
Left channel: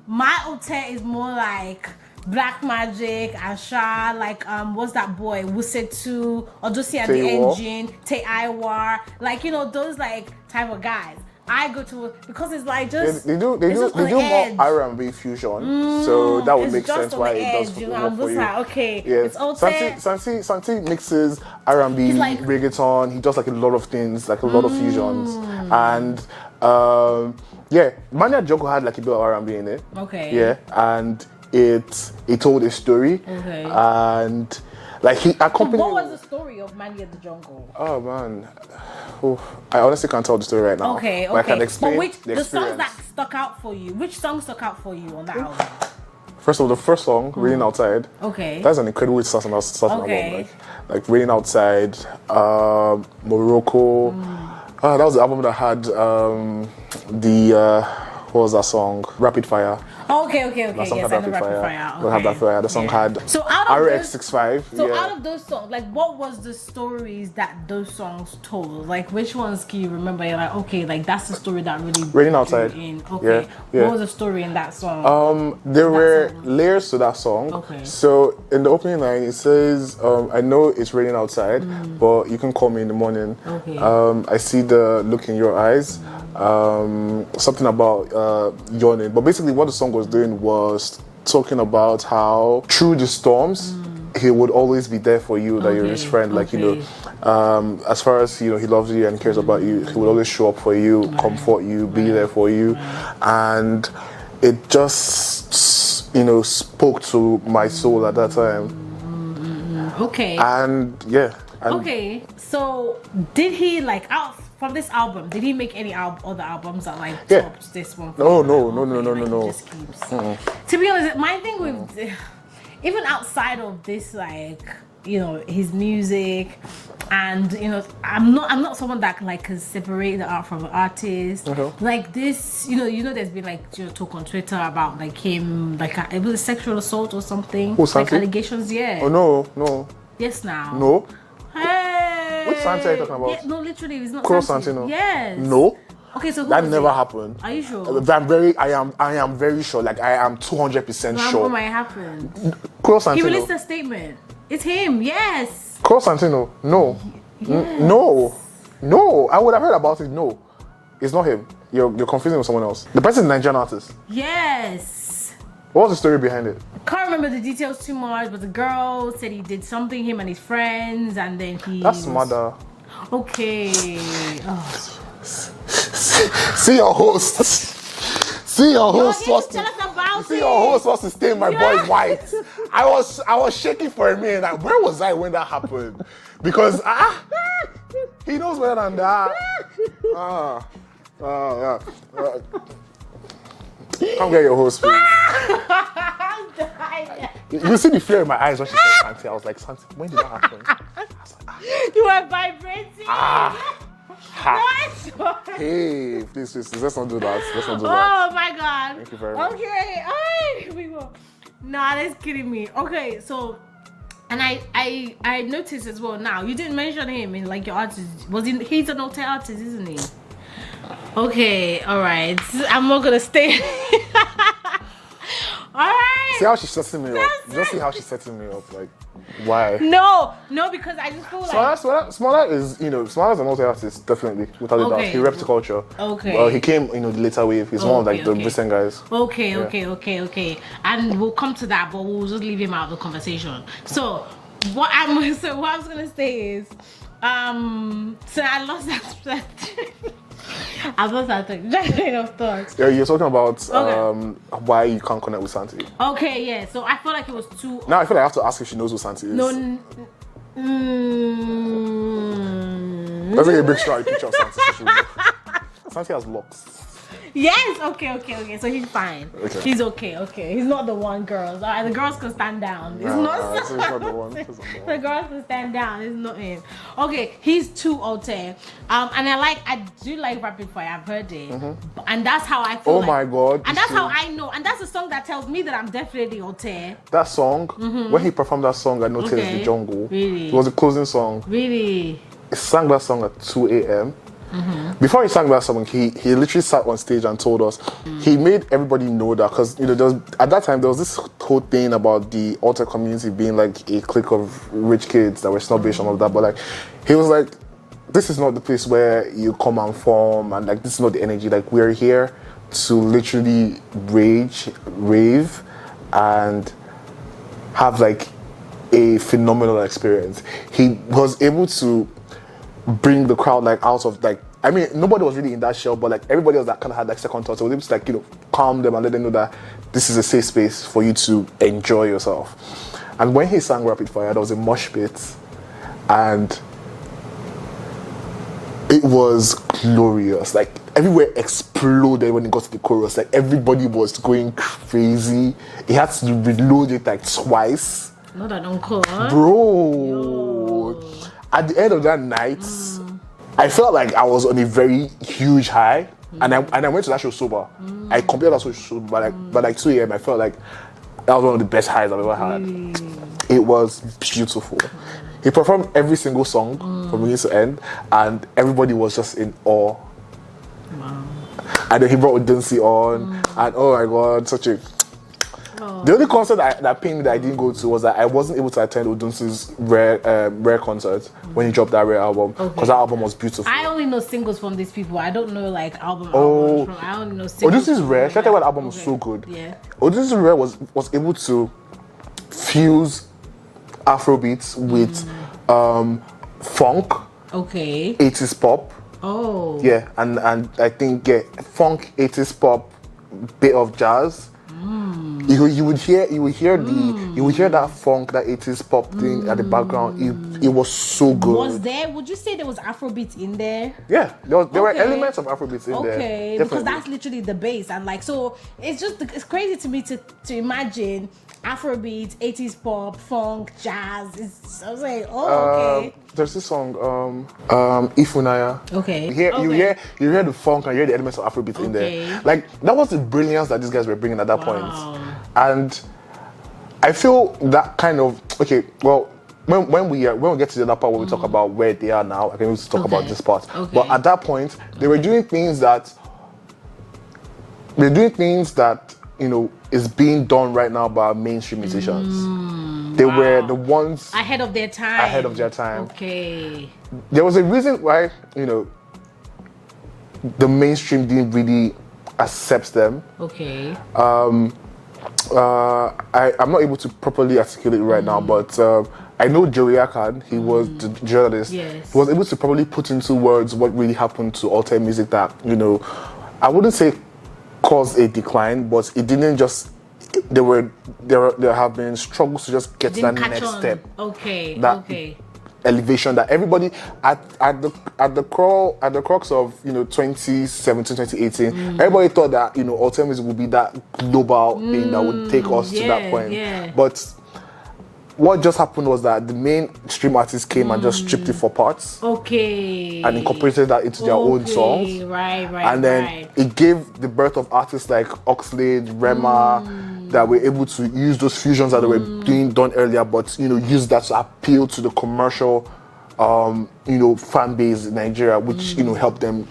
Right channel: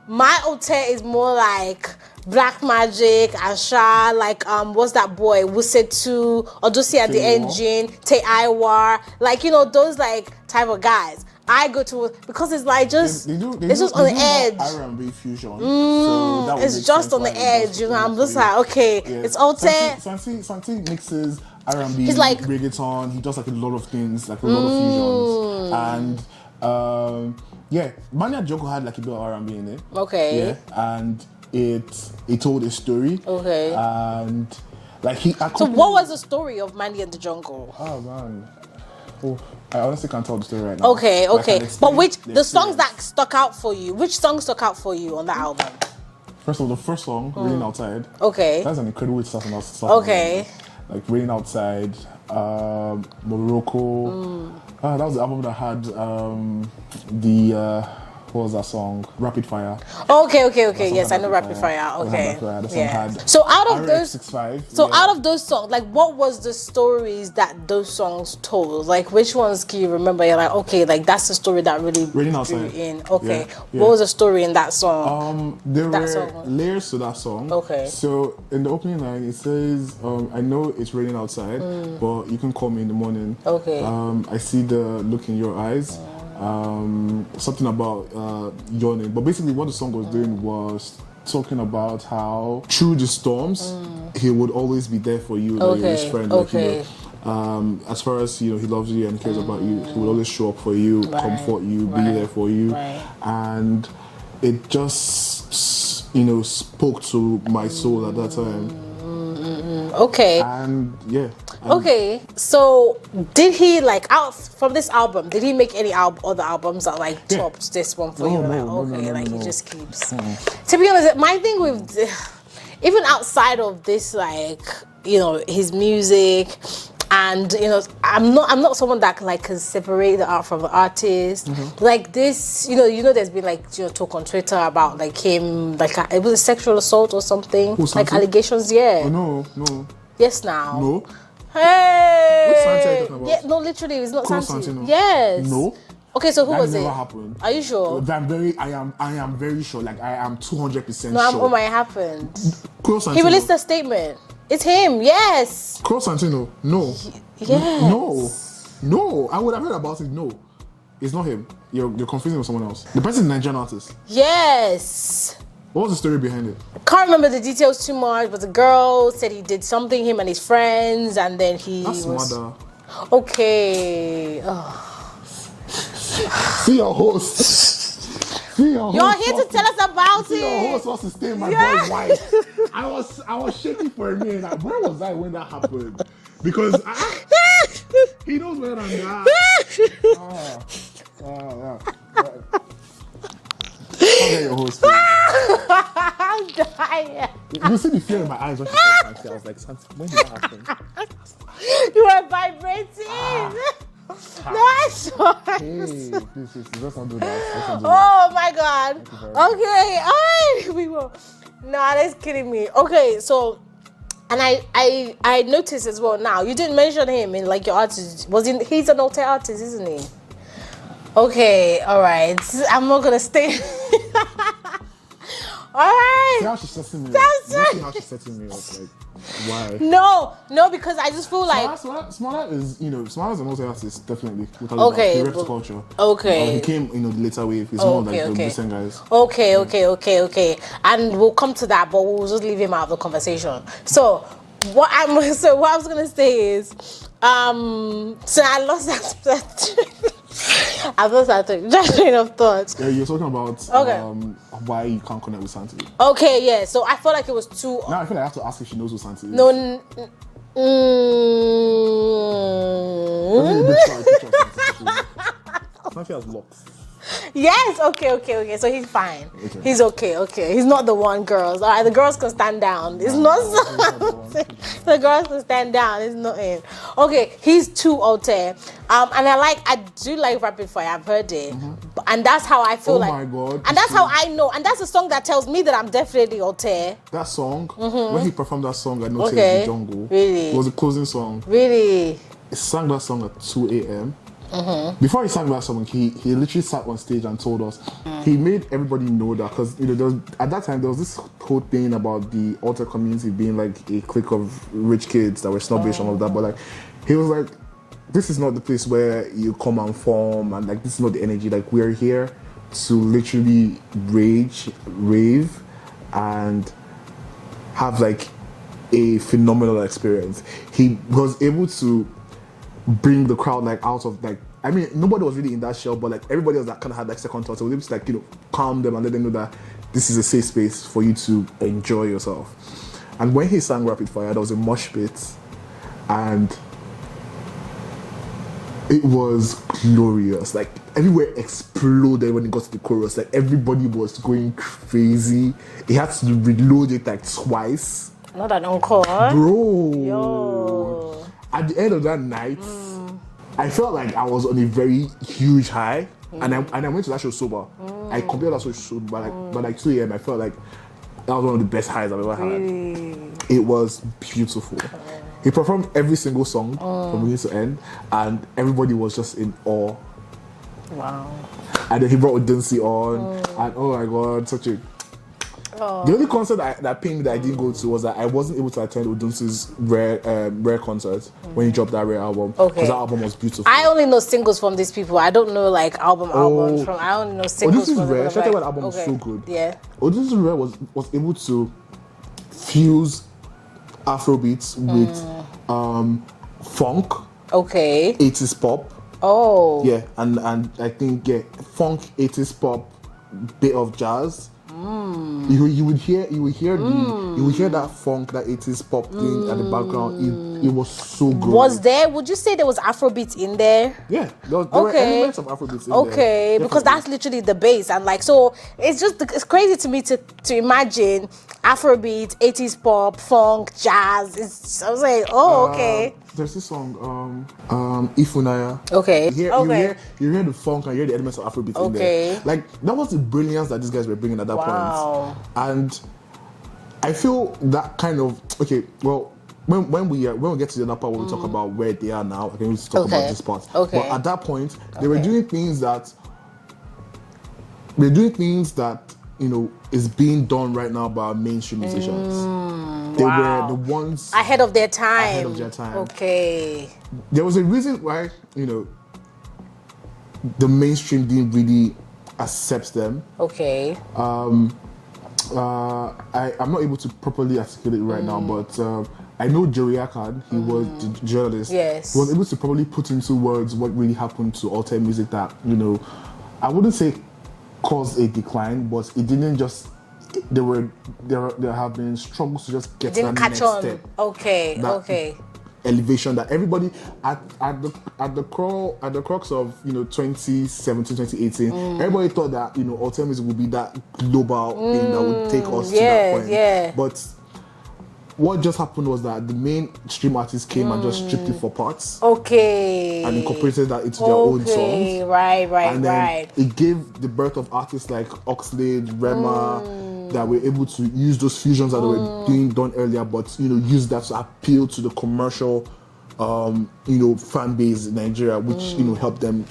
My Álte is more like Black Magic, Asha, like what's that boy? Wusetu, Odosi at the Engine, Te Iwar, like those like type of guys. I go to because it's like just they do just on the edge. R&B fusion, so that would make sense. It's just on the edge, I'm just like, okay, it's Álte. Santi mixes R&B, he's like reggaeton. He does like a lot of things, like a lot of fusions, and Money at the Jungle had like a bit of R&B in it. Okay. Yeah, and it told a story. Okay. And like he accompanied. So what was the story of Money at the Jungle? Oh man. I honestly can't tell the story right now. Okay. But the songs that stuck out for you? Which song stuck out for you on that album? First of all, the first song, Raining Outside. Okay. That's an incredible way to start an Okay. album. Like Raining Outside, Morocco. That was the album that had what was that song? Rapid Fire. Okay. Yes, I know Rapid Fire. Okay. Rapid Fire. The song had So out of RX65. So out of those songs, like what was the stories that those songs told? Like which ones can you remember? You're like, okay, like that's the story that really Raining Outside. in. Okay. Yeah. What was the story in that song? There were layers to that song. Okay. So in the opening line, it says, I know it's raining outside, but you can call me in the morning. Okay. I see the look in your eyes. Something about yawning. But basically what the song was doing was talking about how through the storms, he would always be there for you, like you're his friend. Like, as far as, he loves you and cares about you, he would always show up for you, comfort you, be there for you. And it just, spoke to my soul at that time. Okay. And yeah. Okay, so did he out from this album? Did he make any other albums that topped this one? For you? No. He just keeps. To be honest, my thing with even outside of this, his music, and I'm not someone that can separate the art from the artist. Like this, there's been talk on Twitter about him, it was a sexual assault or something, allegations. Yeah. Oh no. Yes, now. No. Hey! Which Santi are you talking about? Yeah, no, literally, it's not Crow Santi. Santino? Yes. No. Okay, so who that was never it? happened. Are you sure? I am very sure. I am 200% sure. What might happen? Crow Santino. He released a statement. It's him. Yes. Crow Santino. No. Yes. No. I would have heard about it. No. It's not him. You're confusing with someone else. The person is a Nigerian artist. Yes. What was the story behind it? Can't remember the details too much, but the girl said he did something, him and his friends, and then he That's murder. Okay. Oh. See your host. See your host. You're here to tell us about See it. your host wants to stain my boy white. I was shaking for a minute. Where was I when that happened? Because he knows better than that. Yeah. I'll get your host, please. I'm dying. You see the fear in my eyes when she said Santi. I was like, Santi, when did that happen? You were vibrating. That's why. Hey, please, let's not do that. Oh my God. Thank you very much. Okay, all right, we will. Nah, that's kidding me. Okay, so, and I noticed as well now, you didn't mention him in your artist. He's an Alte artist, isn't he? Okay, all right. I'm not gonna stay. All right. See how she's setting me up. You see how she's setting me up. Why? No, because I just feel Smaller is, Smaller an Alte artist, definitely. Without Okay. He reps the culture. Okay. He came, the later wave. He's one of the recent guys. Okay. And we'll come to that, but we'll just leave him out of the conversation. So what I was gonna say is, so I lost that. I've lost that train of thought. Yeah, you're talking about why you can't connect with Santi. Okay, yeah. So I felt like it was too. Now I feel like I have to ask if she knows who Santi is. No. Let's take a big shot picture of Santi. Santi has locks. Yes, okay. So he's fine. Okay. He's okay. He's not the one, girls. All right, the girls can stand down. It's not the one. The girls can stand down. It's not him. Okay, he's too Alte. And I do like Rapid Fire. I've heard it, and that's how I feel. Oh my God! And that's how I know. And that's a song that tells me that I'm definitely Alte. That song, when he performed that song, I noticed the jungle. Really? It was a closing song. Really? He sang that song at 2 a.m. Before he sang that song, he literally sat on stage and told us. He made everybody know that because at that time there was this whole thing about the Alte community being a clique of rich kids that were snobbish and all that. But he was like, this is not the place where you come and form, and this is not the energy. We're here to literally rave, and have a phenomenal experience. He was able to bring the crowd out of nobody was really in that shell, but everybody else that kind of had second thoughts. So it was able to calm them and let them know that this is a safe space for you to enjoy yourself. And when he sang Rapid Fire, there was a mosh pit, and It was glorious. Like everywhere exploded when it got to the chorus. Like everybody was going crazy. He had to reload it like twice. Not an encore. Bro. Yo. At the end of that night, I felt like I was on a very huge high. And I went to that show sober. I completed that show sober, but like 2 a.m. I felt like that was one of the best highs I've ever had. It was beautiful. He performed every single song from beginning to end, and everybody was just in awe. Wow. And then he brought Beyonce on, and oh my God, such a... The only concert that pained me that I didn't go to was that I wasn't able to attend Odunsi's Rare concert when he dropped that Rare album, because that album was beautiful. I only know singles from these people. I don't know like albums from. I only know singles. Odunsi's Rare. Should I tell you what album was so good? Yeah. Odunsi's Rare was able to fuse Afrobeats with funk, 80s pop. Oh. Yeah, and I think funk, 80s pop, bit of jazz. You would hear that funk, that 80s pop thing at the background. It was so good. Would you say there was Afrobeats in there? Yeah, there were elements of Afrobeats in there. Okay, because that's literally the base, and like so, it's crazy to me to imagine Afrobeats, 80s pop, funk, jazz. I was like, okay. There's this song, Ifunaya. Okay. You hear the funk and you hear the elements of Afrobeat in there. Like that was the brilliance that these guys were bringing at that point. And I feel that kind of when we get to the other part where we talk about where they are now, I can just talk about this part. But at that point, they were doing things that is being done right now by mainstream musicians. They were the ones ahead of their time. Okay. There was a reason why, the mainstream didn't really accept them. Okay. I'm not able to properly articulate it right now, but I know Joey Akan, he was the journalist. Yes. He was able to probably put into words what really happened to Alte music that, I wouldn't say caused a decline, but it didn't just... There have been struggles to just get to that next step. Okay. Elevation that everybody at the crux of 2017, 2018, everybody thought that Alte music would be that global thing that would take us to that point. Yeah. But what just happened was that the mainstream artists came and just stripped it for parts. Okay. And incorporated that into their own songs. Right. And then it gave the birth of artists like Oxlade, Rema, that were able to use those fusions that they were done earlier, but use that to appeal to the commercial fan base in Nigeria, which helped them.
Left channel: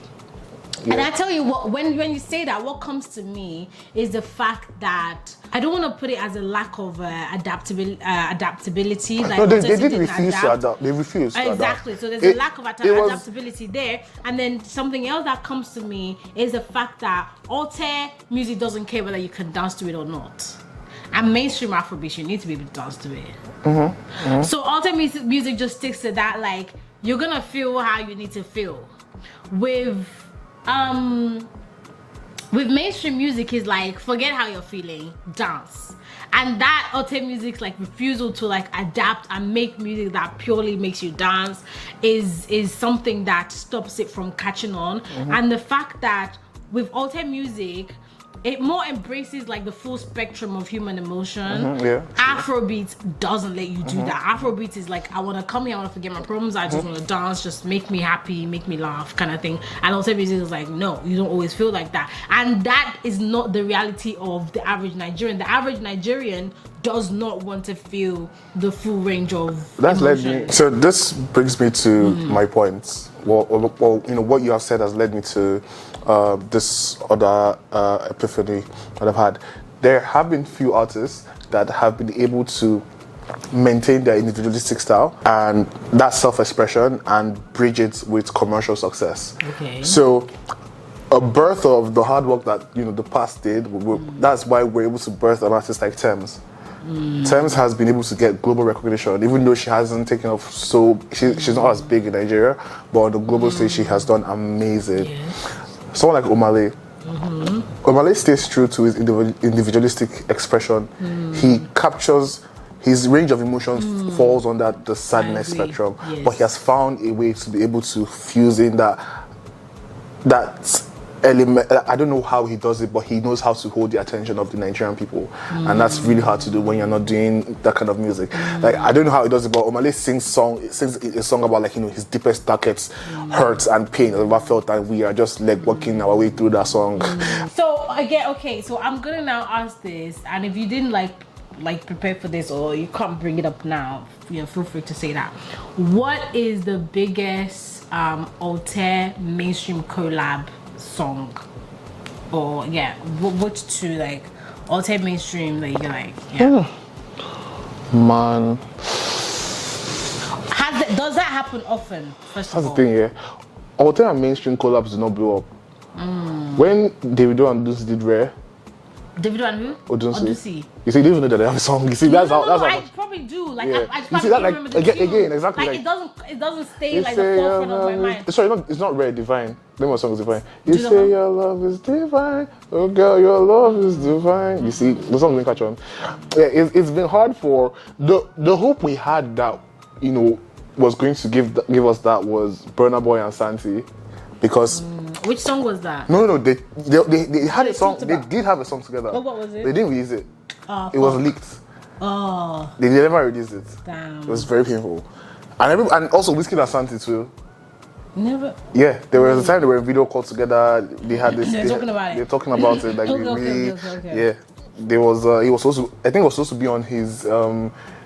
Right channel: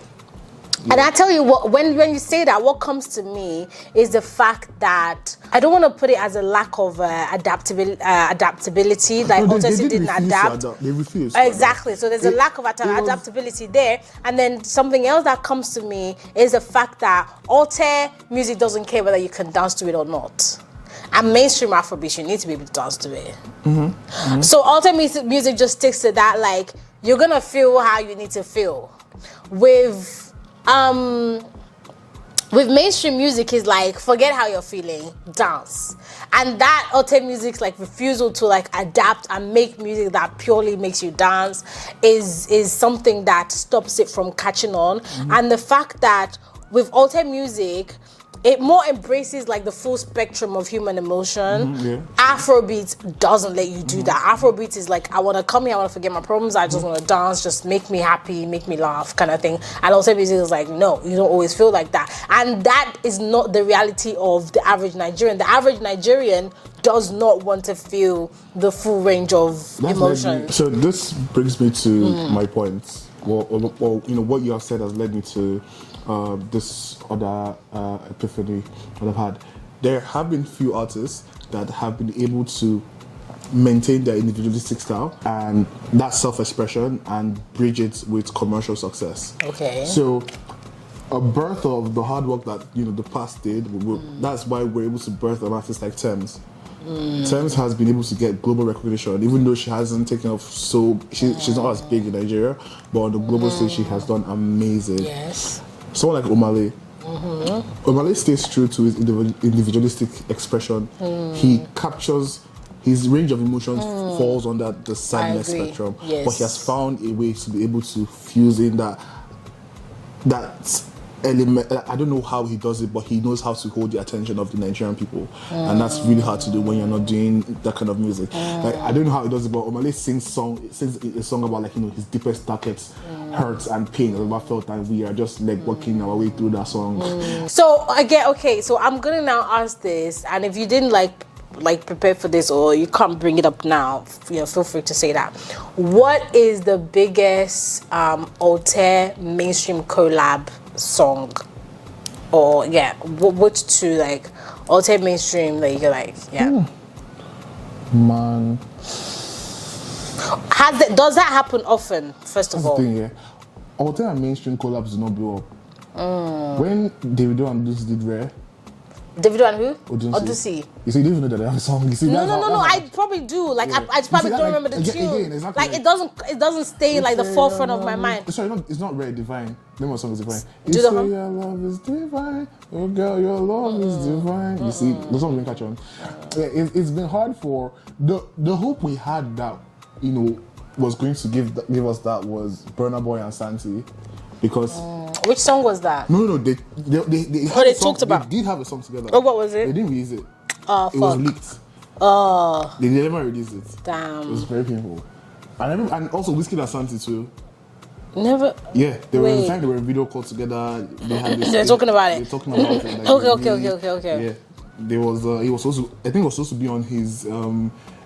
And I tell you what, when you say that, what comes to me is the fact that I don't want to put it as a lack of adaptability. Like no, they didn't refuse to adapt. They refused. Exactly. So there's a lack of adaptability there. And then something else that comes to me is the fact that Alte music doesn't care whether you can dance to it or not. And mainstream Afrobeat, you need to be able to dance to it. So Alte music just sticks to that, like, you're gonna feel how you need to feel. With mainstream music is like, forget how you're feeling, dance. And that Alte music's like refusal to like adapt and make music that purely makes you dance is something that stops it from catching on. And the fact that with Alte music, it more embraces like the full spectrum of human emotion. Afrobeat doesn't let you do that. Afrobeat is like, I want to come here, I want to forget my problems, I just want to dance, just make me happy, make me laugh kind of thing. And Alte music is like, no, you don't always feel like that. And that is not the reality of the average Nigerian. The average Nigerian does not want to feel the full range of emotions. So this brings me to my point. Well, what you have said has led me to this other epiphany that I've had. There have been few artists that have been able to maintain their individualistic style and that self-expression and bridge it with commercial success. Okay. So a birth of the hard work that the past did, that's why we're able to birth an artist like Teezee. Teezee has been able to get global recognition, even though she hasn't taken off she's not as big in Nigeria, but on the global stage she has done amazing. Yes. Someone like Omale. Omale stays true to his individualistic expression. He captures his range of emotions falls under the sadness agree. spectrum. Yes. But he has found a way to be able to fuse in that element. I don't know how he does it, but he knows how to hold the attention of the Nigerian people, and that's really hard to do when you're not doing that kind of music. Like, I don't know how he does it, but Omale sings a song about, like, you know, his deepest, darkest hurts and pain. I've ever felt that we are just like working our way through that song. So again, okay, so I'm gonna now ask this, and if you didn't like prepare for this, or you can't bring it up now, you know, feel free to say that. What is the biggest Alté mainstream collab song? Or which two, like, Alté mainstream that you're like, Man, does that happen often? First of that's the all, thing, yeah. Alté and mainstream collabs do not blow up. When Davido and Deuce did Rare, Davido and who? Odusi. You see, you don't even know that they have a song. You see, that's how. I probably do. Like, Yeah. I probably don't remember the tune. Again, exactly. Like, it doesn't stay like the forefront of my mind. Sorry, it's not Rare, Divine. Name of the song is Divine. You Do the say one? your love is divine, oh girl, your love is divine. You see, the song didn't catch on. Yeah, it's been hard for the hope we had that, you know, was going to give us that was Burna Boy and Santi, because. Which song was that? No, they had a song. talked about? They did have a song together. Oh, what was it? They didn't release it. Oh, It was leaked. Oh, They never released it. damn. It was very painful. And also Whiskey and Santi too. Never. Yeah, there was a Wait. time they were in video call together. They had this. They're talking about it. They're talking about it. Like, Okay. Yeah, there was. He was supposed to. I think it was supposed to be on his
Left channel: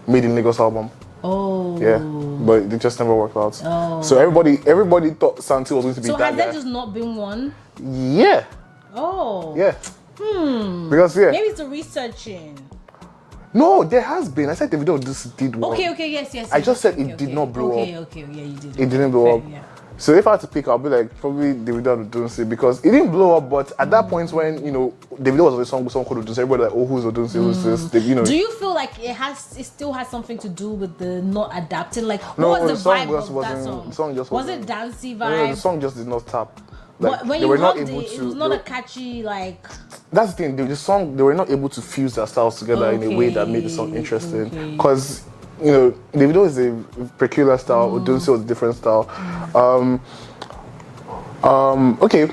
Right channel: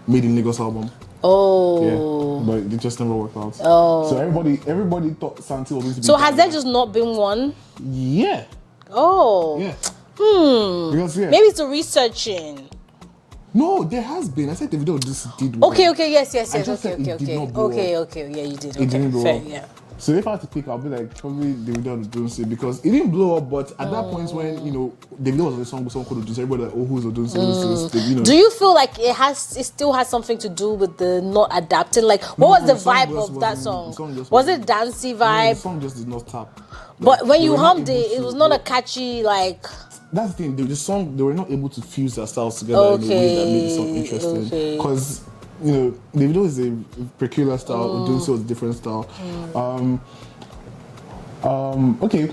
Made in Lagos album. Oh. Yeah, but it just never worked out. Oh. So everybody thought Santi was going to be. So that has there guy. just not been one? Yeah. Oh. Yeah. Because Maybe it's the researching. No, there has been. I said Davido just did one. Okay, yes. I just okay, said it did not blow up. Okay, yeah, you did. It didn't blow Fair, up. Yeah. So if I had to pick, I'll be like probably Davido and Odunsi, because it didn't blow up. But at that point when, you know, Davido was on a song with someone called Odunsi, everybody like, oh, who's Odunsi? Who's this? They, you know. Do you feel like it still has something to do with the not adapting? Like, what was the song vibe just of that wasn't- song? the song just Was wasn't- it dancey No, vibe? the song just did not tap. But when they you were not hummed able it, it to- was not they- a catchy, like. That's the thing. The song, they were not able to fuse their styles together in a way that made the song interesting. Okay. Because, you know, Davido is a peculiar style. Odunsi was a different style. Okay,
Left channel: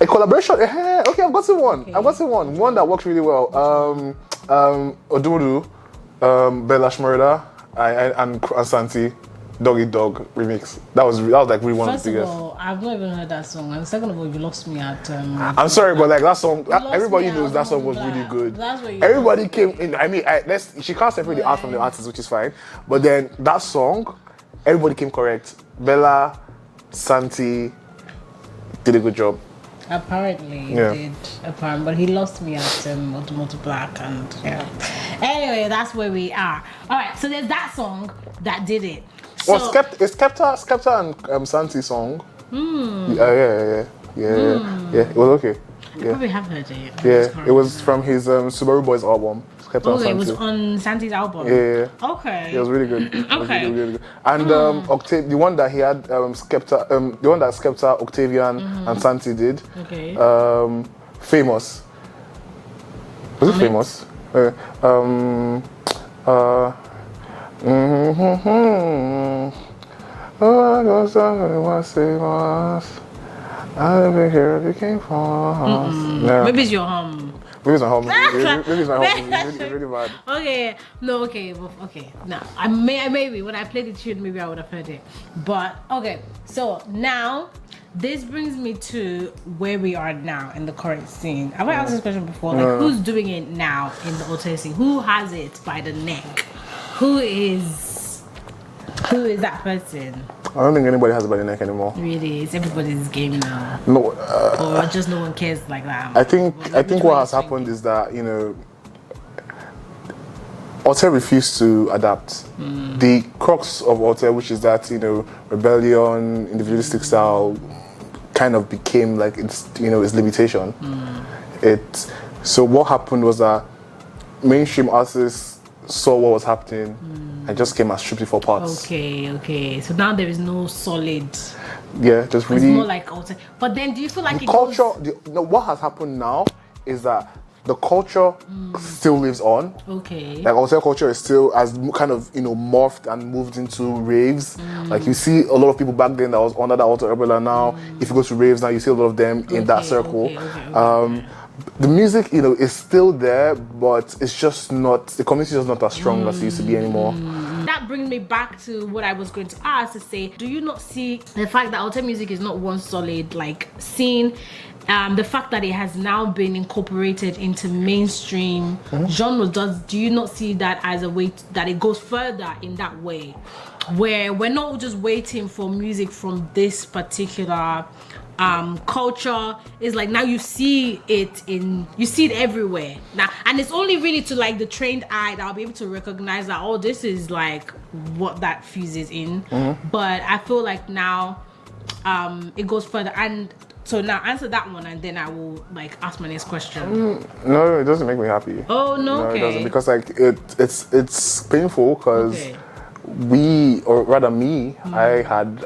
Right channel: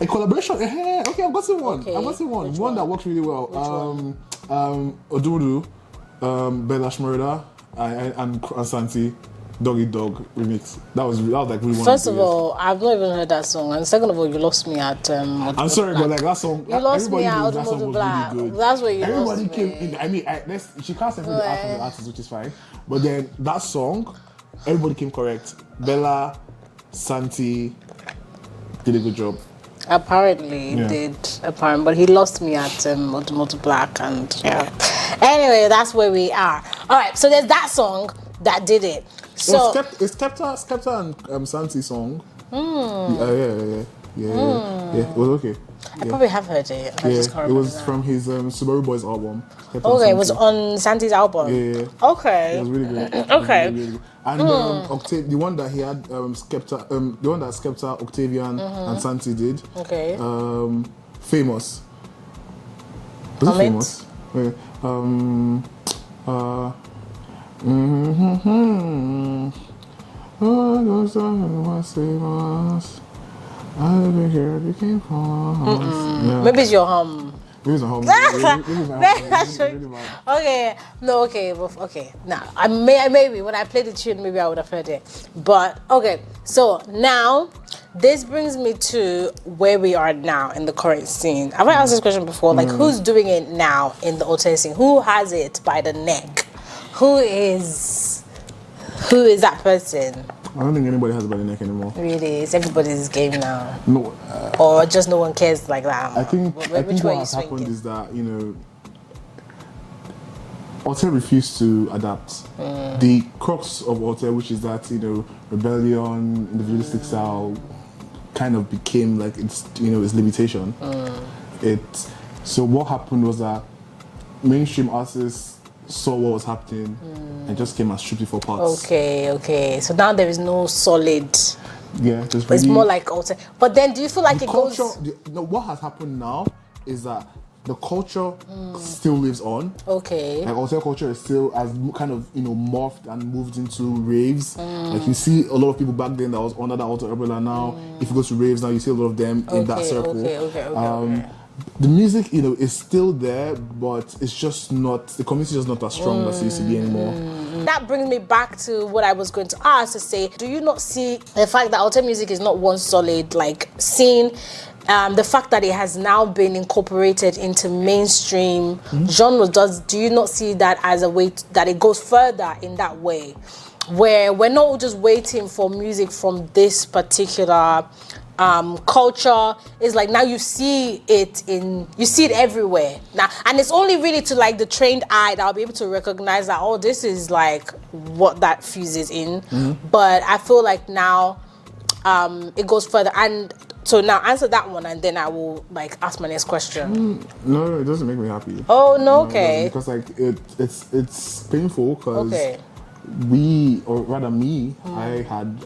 a collaboration. Okay, I've gotten one. Okay. I've gotten one. One that works really well. Odumodu, Bella Shmurda, and Santi, Dog Eat Dog remix. That was like really one First of of the biggest. all, I've not even heard that song, and second of all, you lost me at. I'm sorry, but like that song, lost everybody me at knows that song was Odumodu really good. That's where you Everybody lost came me. in. I mean, she can't separate the art from the artist, which is fine. But then that song, everybody came correct. Bella, Santi did a good job. Apparently, he Yeah. did. Apparently, but he lost me at Automotive Black, and yeah. Anyway, that's where we are. All right, so there's that song that did it. So, Well, it's Skepta and Santi song. Yeah. It was okay. I probably have heard it. I Yeah, just can't it was remember. from his Subaru Boys album. Skepta and Okay, it was Santi. on Santi's album. Yeah. Okay. It was really good. It was Okay. really good. And Octave, the one that he had, Skepta, the one that Skepta, Octavian, and Santi did. Okay. Famous. Was it Hum it. famous? I've been here, became famous. No. Maybe it's your hum. Maybe it's not home. Maybe it's not home. It's really bad. Okay, no, okay, well, okay. Now, maybe when I played the tune, maybe I would have heard it. But okay, so now this brings me to where we are now in the current scene. Have I asked this question before? Like, who's doing it now in the Alté scene? Who has it by the neck? Who is that person? I don't think anybody has it by the neck anymore. Really, it's everybody's game now, No, or just no one cares like that. I think Which what way has you happened swing is that, you know, Alté refused to adapt. The crux of Alté, which is that, you know, rebellion, individualistic style, kind of became like its limitation. So what happened was that mainstream artists saw what was happening and just came and stripped it for parts. Okay. So now there is no solid. Yeah, there's really It's more like Alté. But then, do you feel like the it culture. goes? What has happened now is that the culture still lives on. Okay. Like Alte culture is still as kind of morphed and moved into raves. Like you see a lot of people back then that was under that Alte umbrella. Now, if you go to raves now, you see a lot of them in that circle. Okay. The music, is still there, but it's just not, the community is just not as strong as it used to be anymore. That brings me back to what I was going to ask to say, do you not see the fact that Alte music is not one solid scene? The fact that it has now been incorporated into mainstream genres, do you not see that as a way that it goes further in that way? Where we're not just waiting for music from this particular culture. Is like now you see it everywhere now, and it's only really to the trained eye that I'll be able to recognize that this is what that fuses in. But I feel like now it goes further. And so now answer that one, and then I will ask my next question. No, it doesn't make me happy. Oh no, okay. Because it's painful because I had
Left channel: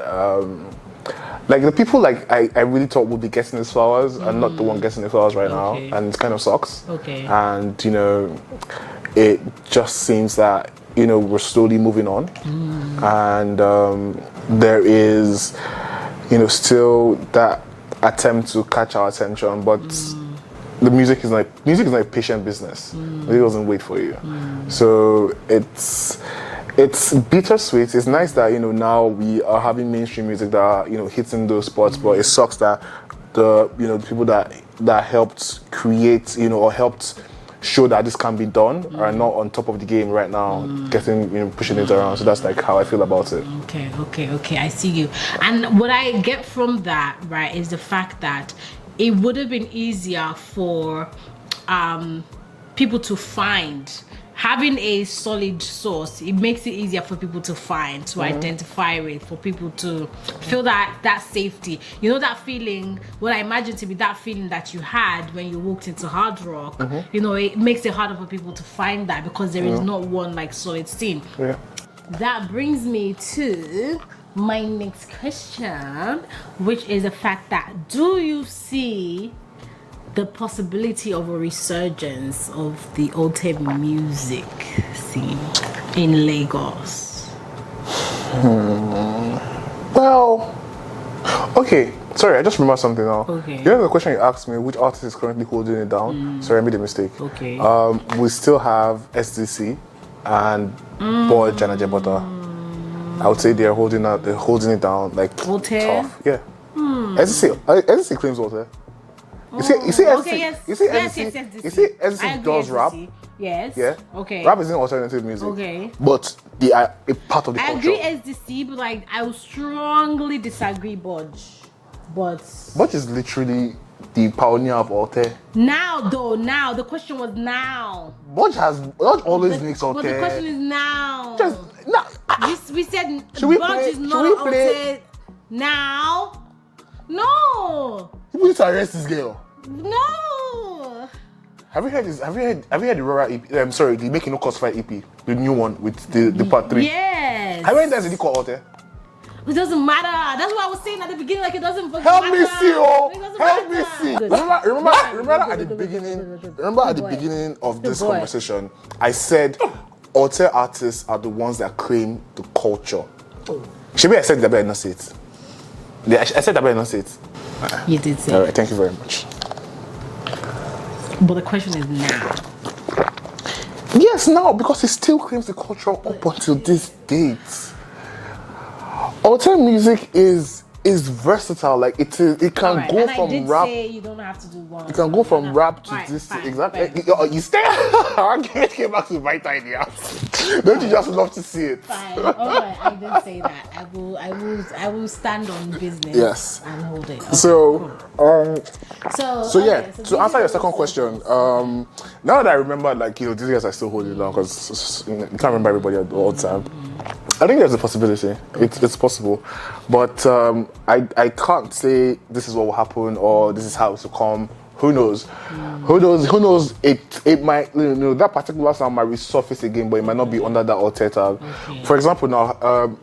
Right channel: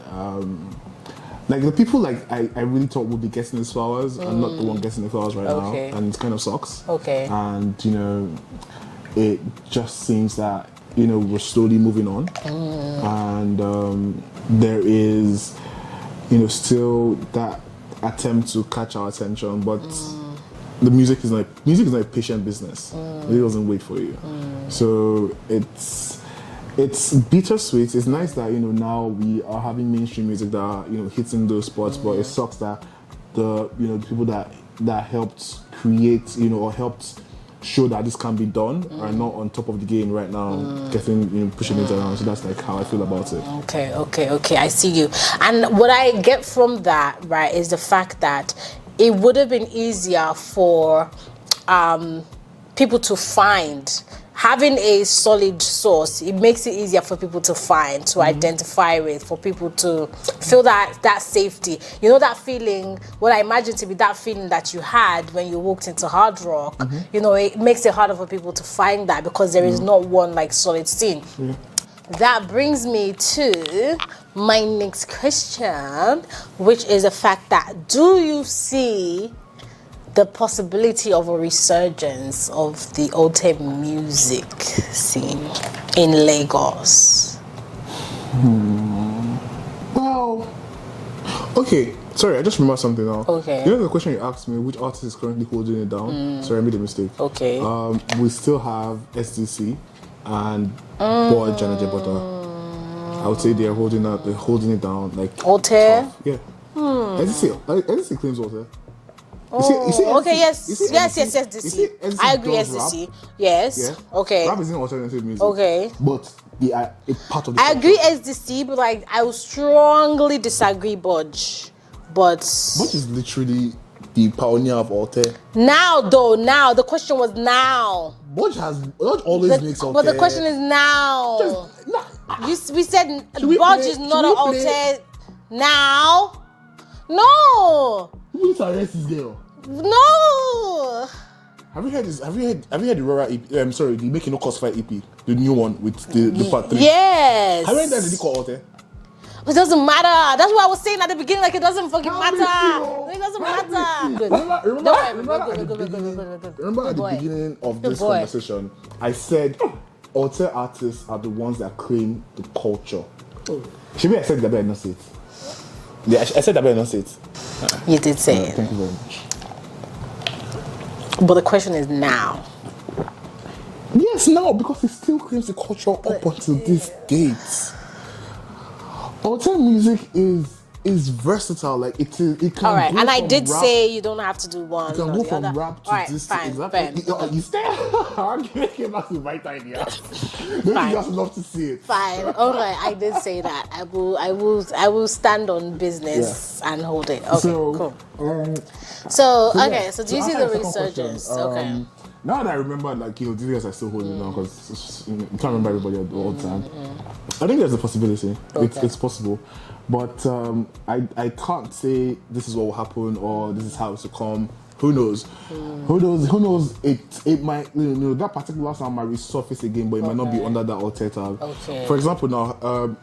the people I really thought would be getting these flowers are not the one getting the flowers right now, and it kind of sucks. Okay. And it just seems that we're slowly moving on, and there is still that attempt to catch our attention, but the music is not a patient business. It doesn't wait for you. So it's bittersweet. It's nice that now we are having mainstream music that are hitting those spots, but it sucks that the people that helped create or helped show that this can be done are not on top of the game right now, getting pushing it around. So that's how I feel about it. Okay. I see you. And what I get from that, right, is the fact that it would have been easier for people to find. Having a solid source, it makes it easier for people to find, to identify with, for people to feel that safety. That feeling, what I imagine to be that feeling that you had when you walked into hard rock, it makes it harder for people to find that because there is not one solid scene. Yeah. That brings me to my next question, which is the fact that do you see the possibility of a resurgence of the Alte music scene in Lagos? Well, okay. Sorry, I just remembered something now. Okay. The question you asked me, which artist is currently holding it down? Sorry, I made a mistake. Okay. We still have SDC and Boy Jana Jebota. I would say they're holding it down Alte? tough. Yeah. SDC claims Alte. You see, okay, yes. You see, yes, SDC, you see, SDC I agree, does SDC. rap. Yes. Yeah. Okay. Rap is in alternative music. Okay. But they are a part of the I culture. agree SDC, but I will strongly disagree Budge. But Budge is literally the pioneer of Alte. Now, the question was now. Budge always makes Alte. But the question is now. We said Budge is not an Alte now. No. People need to arrest this girl. No. Have you heard this? Have you heard the Rora EP? I'm sorry, the Making No Cost Fight EP, the new one with the part 3. Yes. How many times did he call Alte? It doesn't matter. That's what I was saying at the beginning. It doesn't fucking matter. It doesn't matter. Remember at the beginning of this conversation, I said Alte artists are the ones that claim the culture. Maybe I said that, but I did not say it. I said that, but I did not say it. You did say it. Thank you very much. But the question is now. Yes, now, because it still claims the culture up until this date. Alte music is versatile. It can go from rap. And I did say you don't have to do one. You can go from rap to this. Fine, Exactly. You stay. Our argument came back to my idea. Don't you just love to see it? Fine. All right, I did say that. I will stand on business and hold it. Okay, so, cool. So to answer your second question, now that I remember, these guys are still holding down because you can't remember everybody all the time. I think there's a possibility. Okay. It's possible, but I can't say this is what will happen or this is how it will come. Who knows? Who knows? It might, that particular sound might resurface again, but it might not be under that Alte tag. Okay. For example, now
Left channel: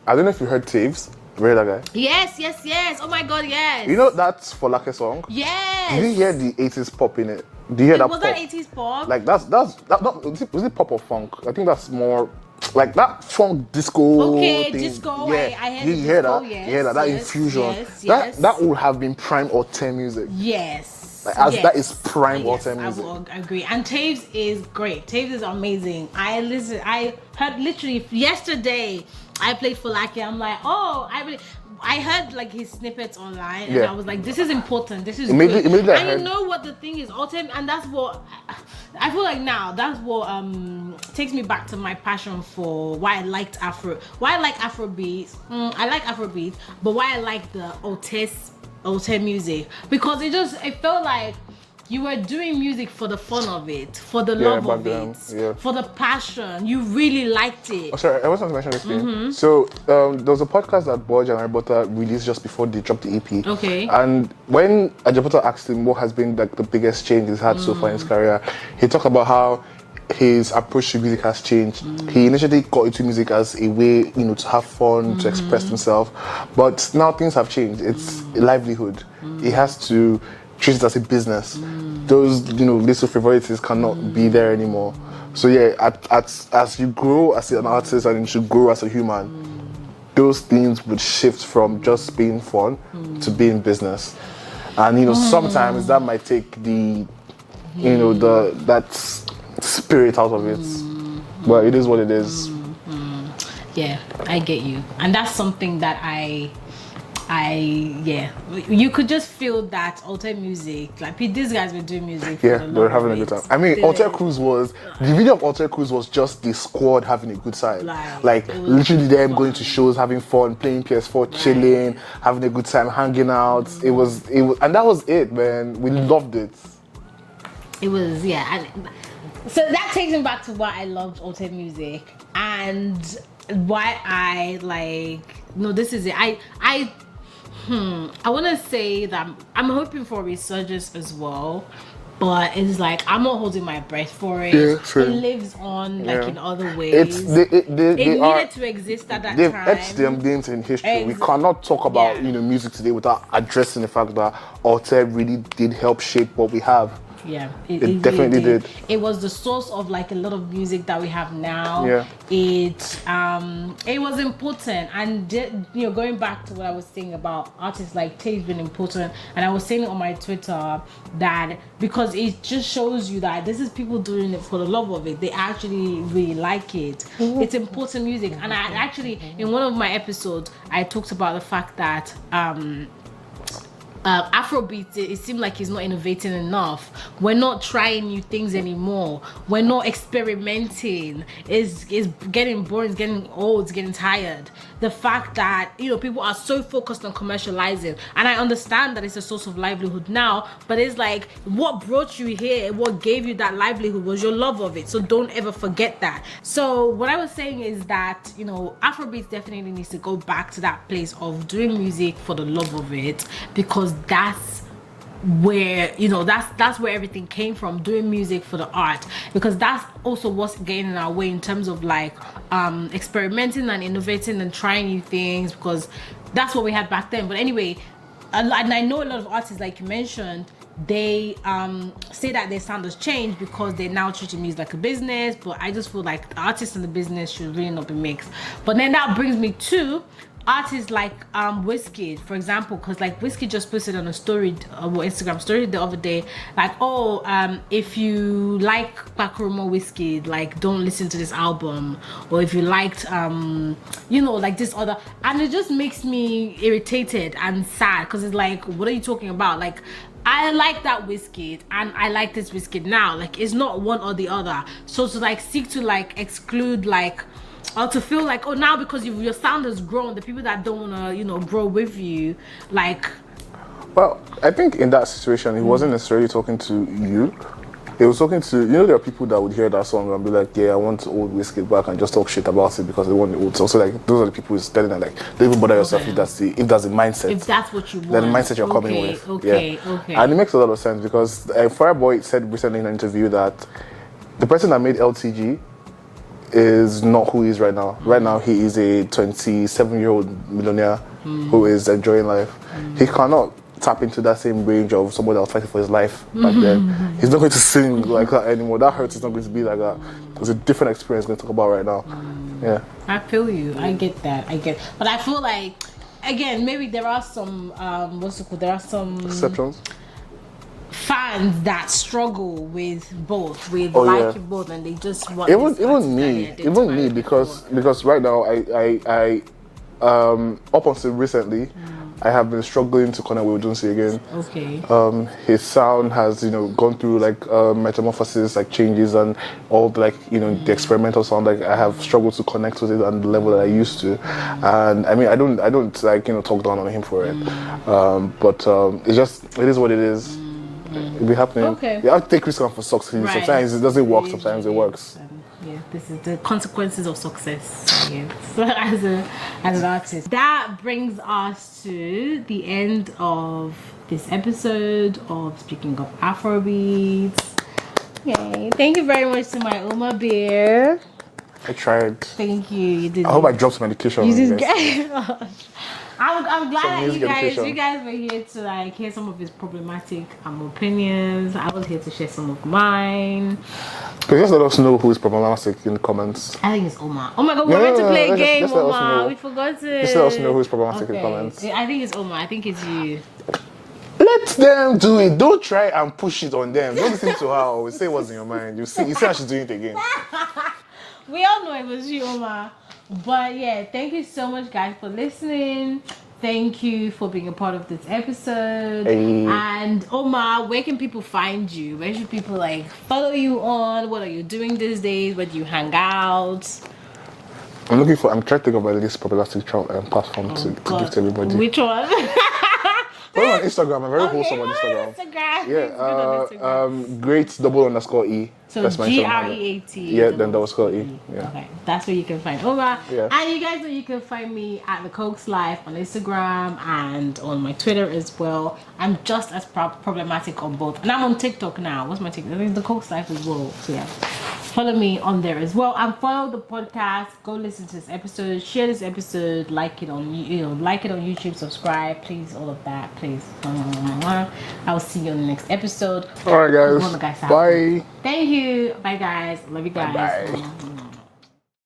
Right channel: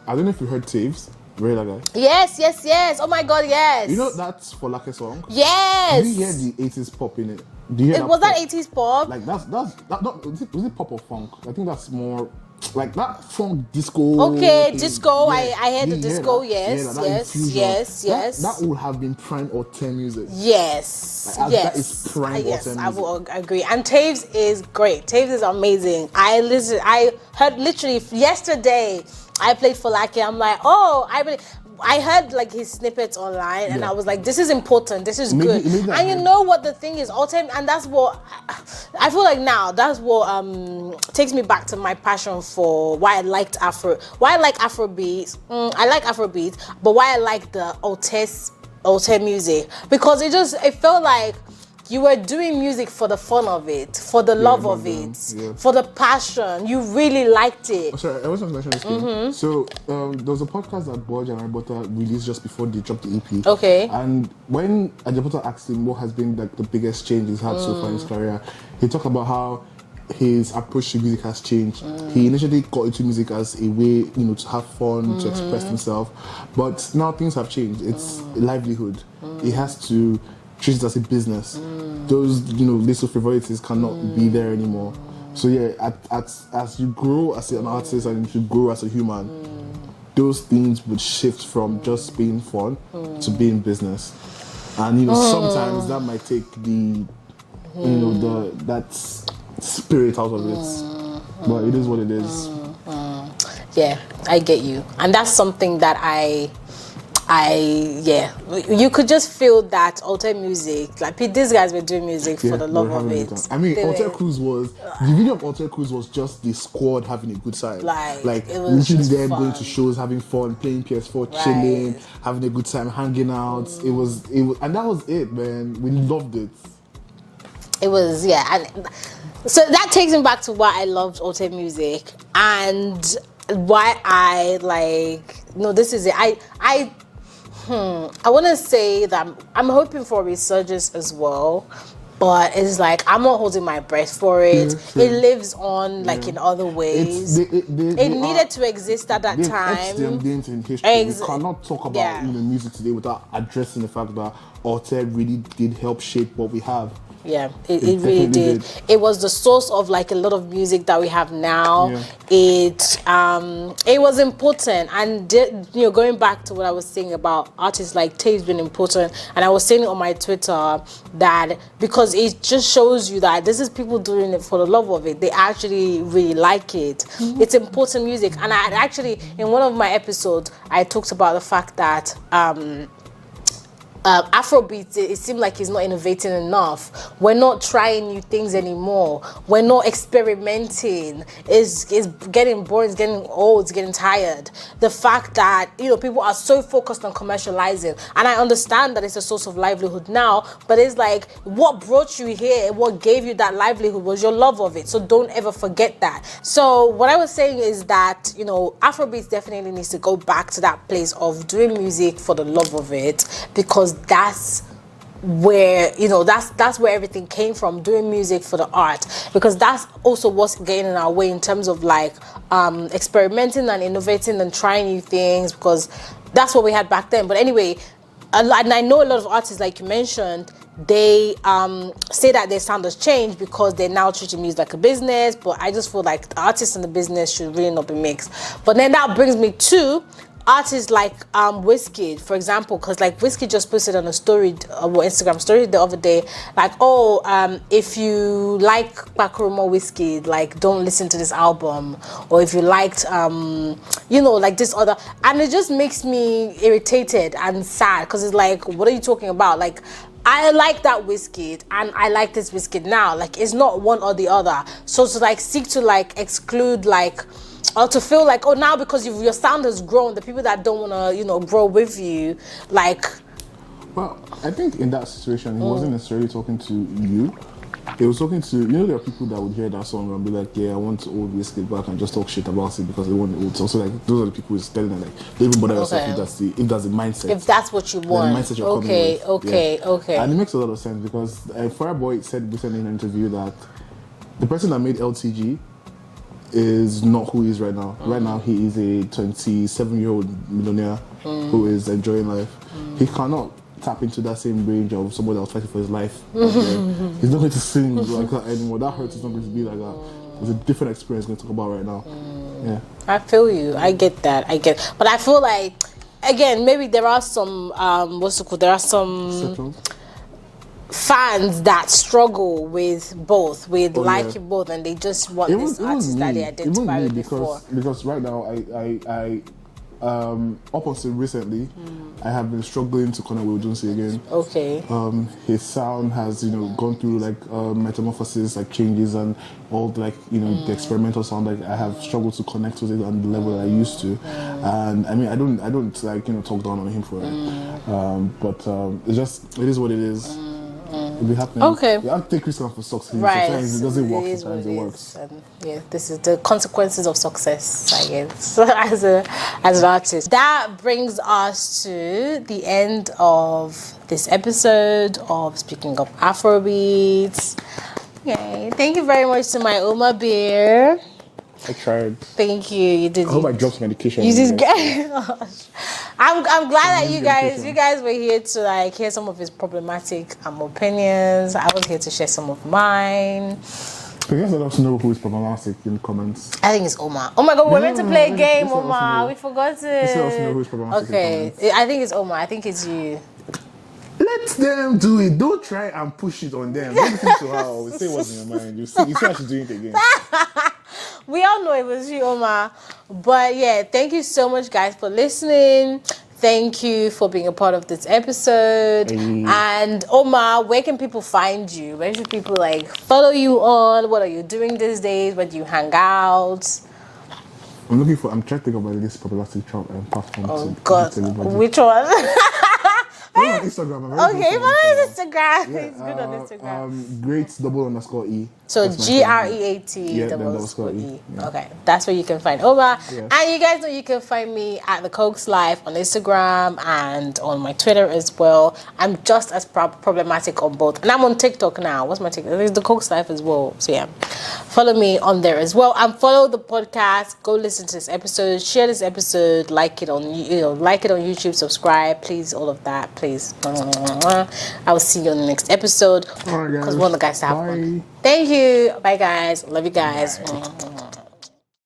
I don't know if you heard Teezee. Remember that guy? Yes. Oh my God, yes. You know that's Folake song? Yes. Did you hear the 80s pop in it? Do you hear that Was pop? that 80s pop? Like that not was it pop or funk? I think that's more like that funk disco. Okay, thing. disco. Yeah. I heard You the hear disco. that? Yes. Yeah, that infusion. Yes. That would have been prime Alté music. Yes. Like, yes. That is prime Yes, Alté I music. will agree. And Teezee is great. Teezee is amazing. I heard literally yesterday. I played Folake. I'm like, oh, I heard like his snippets online, and Yeah. I was like, this is important. This is Maybe good. I And heard- you know what the thing is, Alté, and that's what I feel like now. That's what takes me back to my passion for why I like Afrobeats. I like Afrobeats, but why I like the Alté music, because it felt like you were doing music for the fun of it, for the love back of then, it, yeah. for the passion. You really liked it. Oh, sorry, I was going to mention this thing. So there was a podcast that Borja and Arbota released just before they dropped the EP. Okay. And when Ajabota asked him what has been like the biggest change he's had so far in his career, he talked about how his approach to music has changed. He initially got into music as a way, to have fun, to express himself. But now things have changed. It's a livelihood. He has to treat it as a business. Those, little frivolities cannot be there anymore. So yeah, as you grow as an artist and you should grow as a human, those things would shift from just being fun to being business. And sometimes that might take the that spirit out of it. But it is what it is. Yeah, I get you. And that's something that you could just feel that Alté music, like these guys were doing music for the love they were having of a it. good time. I mean, Alté Cruise the video of Alté Cruise was just the squad having a good time. Like it was literally just them fun. going to shows, having fun, playing PS4, chilling, having a good time, hanging out. It was, and that was it, man. We loved it. It was, and so that takes me back to why I loved Alté music and why this is it. I want to say that I'm hoping for a resurgence as well, but it's like I'm not holding my breath for it. Yeah, it lives on in other ways. It needed to exist at that they've time. etched them names in history. We cannot talk about music today without addressing the fact that Alté really did help shape what we have. Yeah, it really definitely did. It was the source of a lot of music that we have now. Yeah. It was important, and going back to what I was saying about artists like Teezee being important, and I was saying it on my Twitter that because it just shows you that this is people doing it for the love of it. They actually really like it. It's important music, and I actually in one of my episodes I talked about the fact that Afrobeats, it seemed like it's not innovating enough. We're not trying new things anymore. We're not experimenting. It's getting boring, it's getting old, it's getting tired. The fact that, people are so focused on commercializing, and I understand that it's a source of livelihood now, but it's like, what brought you here, what gave you that livelihood was your love of it. So don't ever forget that. So what I was saying is that, Afrobeats definitely needs to go back to that place of doing music for the love of it, because that's where that's where everything came from, doing music for the art, because that's also what's getting in our way in terms of experimenting and innovating and trying new things, because that's what we had back then. But anyway, and I know a lot of artists, like you mentioned, they say that their sound has changed because they're now treating music like a business, but I just feel like the artists and the business should really not be mixed. But then that brings me to artists like Wizkid, for example, because Wizkid just posted on a story, Instagram story the other day, if you like Bakurumo Wizkid, don't listen to this album, or if you liked this other, and it just makes me irritated and sad, because it's like, what are you talking about? I like that Wizkid and I like this Wizkid now. It's not one or the other. So to seek to exclude or to feel now because your sound has grown, the people that don't want to grow with you, Well, I think in that situation, he wasn't necessarily talking to you. He was talking to, there are people that would hear that song and be like, yeah, I want old Wizkid back, and just talk shit about it because they want the old. So those are the people who's telling them don't even bother yourself if that's the mindset. If that's what you want. Then the mindset you're coming with. Okay. And it makes a lot of sense, because Fireboy said recently in an interview that the person that made LTG is not who he is right now. Right now, he is a 27-year-old millionaire who is enjoying life. He cannot tap into that same range of someone that was fighting for his life back then. He's not going to sing like that anymore. That hurt is not going to be like that. It's a different experience we're going to talk about right now. Yeah. I feel you. I get that. But I feel like, again, maybe there are some, there are some Exceptions? fans that struggle with both, liking both, and they just want this artist that they identify Even me, with because right now I up until recently, I have been struggling to connect with Beyonce again. Okay. His sound has, gone through like metamorphosis, like changes, and all the, the experimental sound. Like I have struggled to connect with it on the level that I used to. And I mean, I don't like talk down on him for it. But it is what it is. It be happening. Okay. You have to take risks for success. Right. Sometimes it doesn't work. Sometimes it works. Yeah, this is the consequences of success, I guess, as an artist. That brings us to the end of this episode of Speaking of Afrobeats. Yay. Thank you very much to my Oma Bear. I tried. Thank you. You did. I hope I dropped some medication. You did great. I'm glad that you guys were here to hear some of his problematic opinions. I was here to share some of mine. Please just let us know who is problematic in the comments. I think it's Oma. Oh my God, we're meant to play a game, Oma. We forgot to. Just let us know who is problematic in the comments. I think it's Oma. I think it's you. Let them do it. Don't try and push it on them. Don't listen to her always. Say what's in your mind. You see how she's doing it again. We all know it was you, Oma. But yeah, thank you so much, guys, for listening. Thank you for being a part of this episode. Hey. And Oma, where can people find you? Where should people follow you on? What are you doing these days? Where do you hang out? I'm trying to think about this problematic platform to give to everybody. Which one? Follow on Instagram. I'm very Okay, follow on Instagram. Yeah, It's good on Instagram. great_E. So That's my GREAT. Yeah, then _E. Yeah. Okay, that's where you can find Oma. Yeah. And you guys know you can find me at the Cokes Life on Instagram and on my Twitter as well. I'm just as problematic on both. And I'm on TikTok now. What's my TikTok? There's the Cokes Life as well. So yeah, follow me on there as well. And follow the podcast. Go listen to this episode. Share this episode. Like it on YouTube. Subscribe, please. All of that, please. I will see you on the next episode. All right, guys. Want the guys to have bye. fun. Thank you. Bye, guys. Love you guys. Bye.